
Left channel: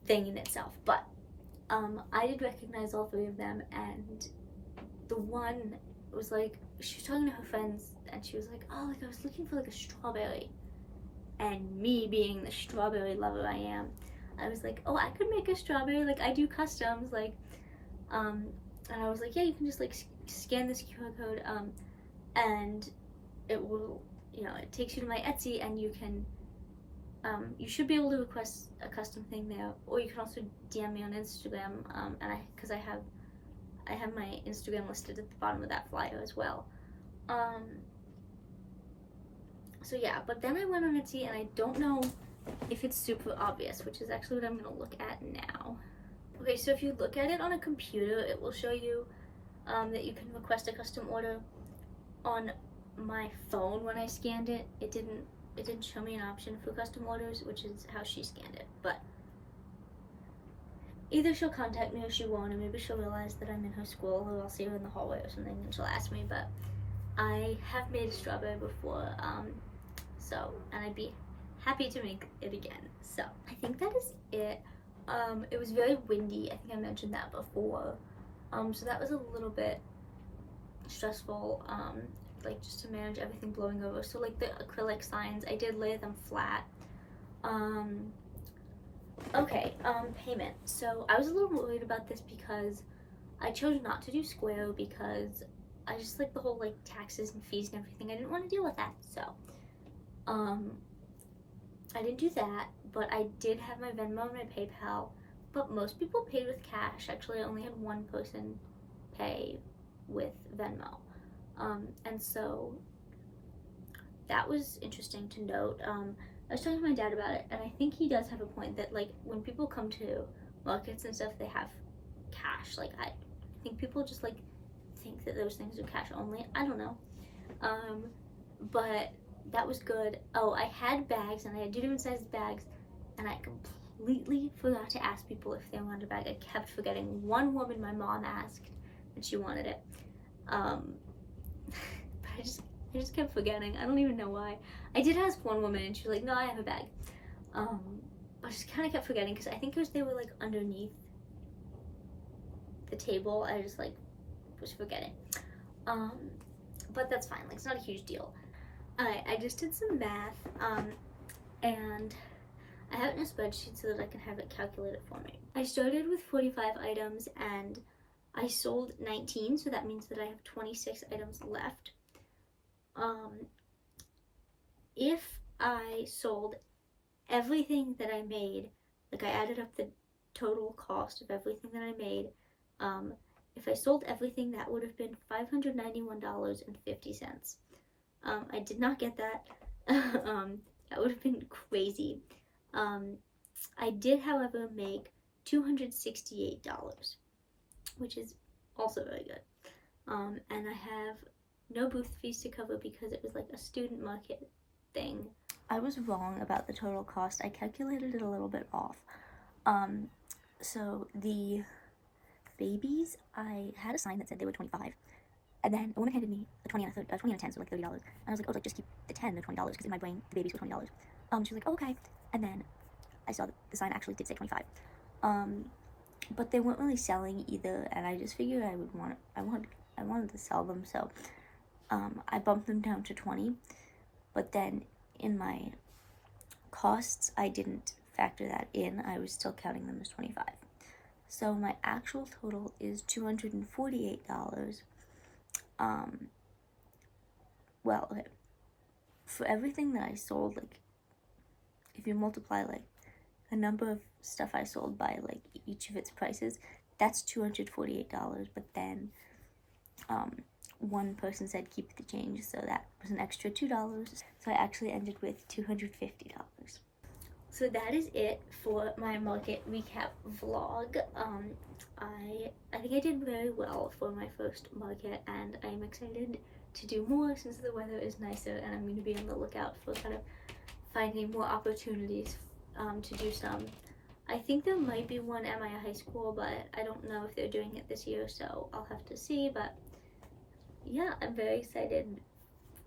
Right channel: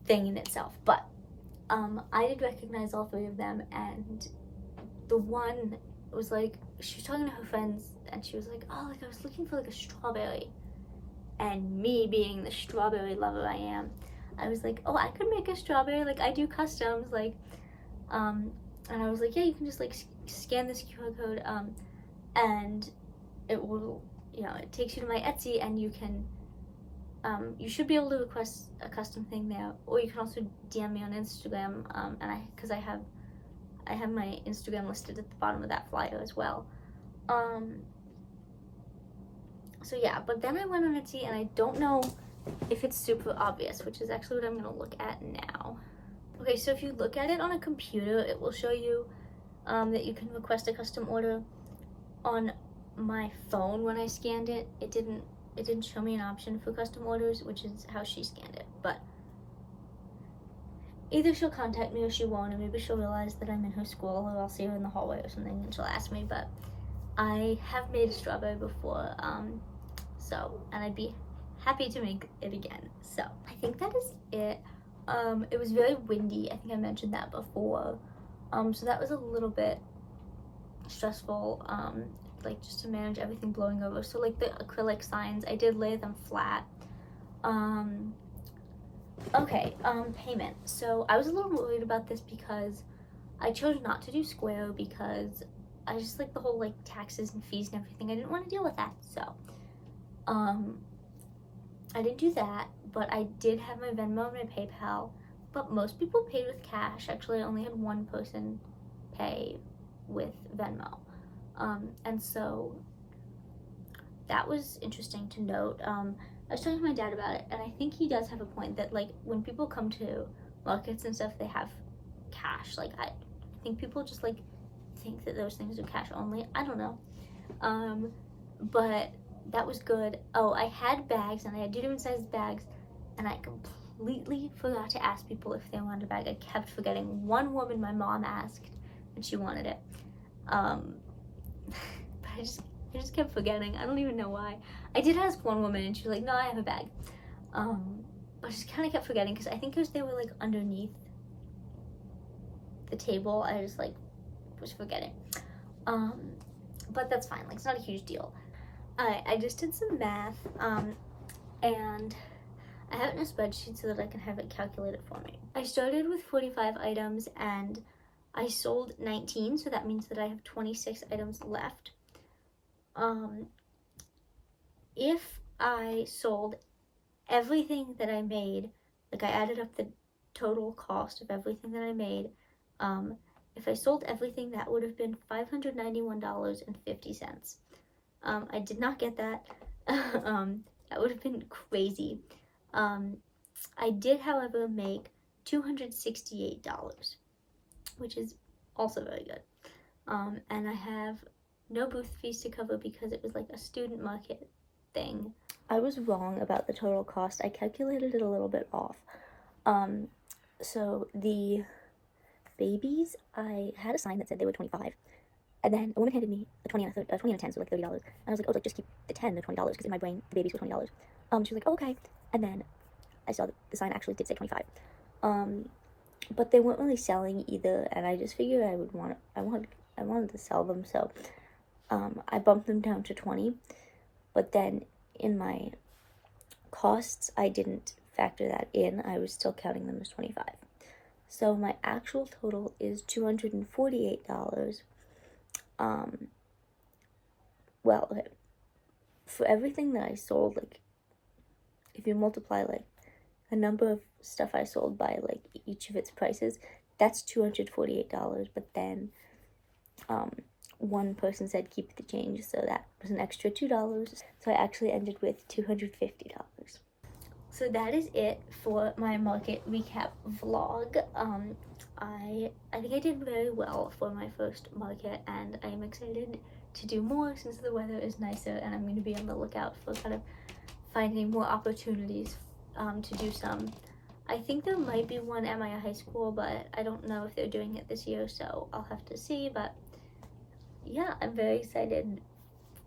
thing in itself. But I did recognize all 3 of them, and the one was like, she was talking to her friends, and she was like, oh, like, I was looking for, like, a strawberry. And me being the strawberry lover I am, I was like, oh, I could make a strawberry, like, I do customs, like, and I was like, yeah, you can just, like, scan this QR code, and it will, it takes you to my Etsy, and you can, you should be able to request a custom thing there, or you can also DM me on Instagram, and because I have my Instagram listed at the bottom of that flyer as well. So yeah, but then I went on Etsy, and I don't know if it's super obvious, which is actually what I'm gonna look at now. Okay, so if you look at it on a computer, it will show you that you can request a custom order. On my phone, when I scanned it, it didn't show me an option for custom orders, which is how she scanned it. But either she'll contact me or she won't, and maybe she'll realize that I'm in her school, or I'll see her in the hallway or something and she'll ask me. But I have made a strawberry before, and I'd be happy to make it again. So I think that is it. It was very windy. I think I mentioned that before. So that was a little bit stressful, like, just to manage everything blowing over. So, like, the acrylic signs, I did lay them flat. Okay, payment. So I was a little worried about this because I chose not to do Square because I just like the whole, like, taxes and fees and everything. I didn't want to deal with that. So I didn't do that, but I did have my Venmo and my PayPal, but most people paid with cash. Actually, I only had one person pay with Venmo, and so that was interesting to note. I was talking to my dad about it, and I think he does have a point that, like, when people come to markets and stuff, they have cash. Like, I think people just, like, think that those things are cash only. I don't know, but that was good. Oh, I had bags, and I had 2 different sized bags, and I completely forgot to ask people if they wanted a bag. I kept forgetting. One woman, my mom asked, and she wanted it, but I just kept forgetting. I don't even know why. I did ask one woman, and she was like, no, I have a bag, but I just kind of kept forgetting, because I think they were, like, underneath the table. I just, like, was forgetting, but that's fine. Like, it's not a huge deal. I just did some math, and I have it in a spreadsheet so that I can have it calculated for me. I started with 45 items, and I sold 19, so that means that I have 26 items left. If I sold everything that I made, like, I added up the total cost of everything that I made, if I sold everything, that would have been $591.50. I did not get that. That would have been crazy. I did, however, make $268, which is also very good. And I have no booth fees to cover because it was, like, a student market thing. I was wrong about the total cost. I calculated it a little bit off. So the babies, I had a sign that said they were $25. And then a woman handed me a 20 and a 10, so, like, $30. And I was like, oh, like, just keep the 10, the $20, because in my brain, the babies were $20. She was like, oh, okay. And then I saw that the sign actually did say 25. But they weren't really selling either, and I just figured I wanted to sell them, so I bumped them down to 20. But then in my costs, I didn't factor that in, I was still counting them as 25. So my actual total is $248. Well, okay, for everything that I sold, like, if you multiply, like, a number of stuff I sold by, like, each of its prices, that's $248, but then, one person said keep the change, so that was an extra $2, so I actually ended with $250. So that is it for my market recap vlog. I think I did very well for my first market, and I'm excited to do more since the weather is nicer, and I'm going to be on the lookout for kind of finding more opportunities to do some. I think there might be one at my high school, but I don't know if they're doing it this year, so I'll have to see. But yeah, I'm very excited,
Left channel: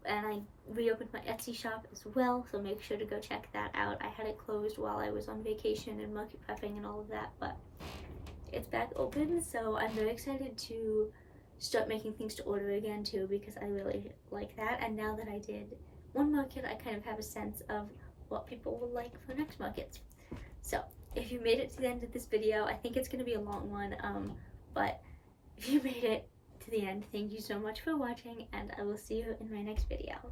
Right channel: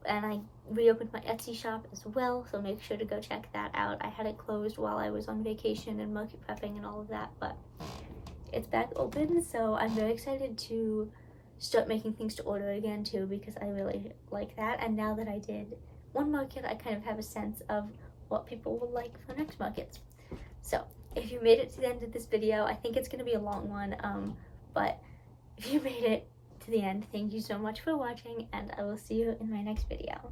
and I reopened my Etsy shop as well, so make sure to go check that out. I had it closed while I was on vacation and market prepping and all of that, but it's back open, so I'm very excited to start making things to order again too, because I really like that. And now that I did one market, I kind of have a sense of what people will like for next markets. So if you made it to the end of this video, I think it's going to be a long one, but if you made it to the end, thank you so much for watching, and I will see you in my next video.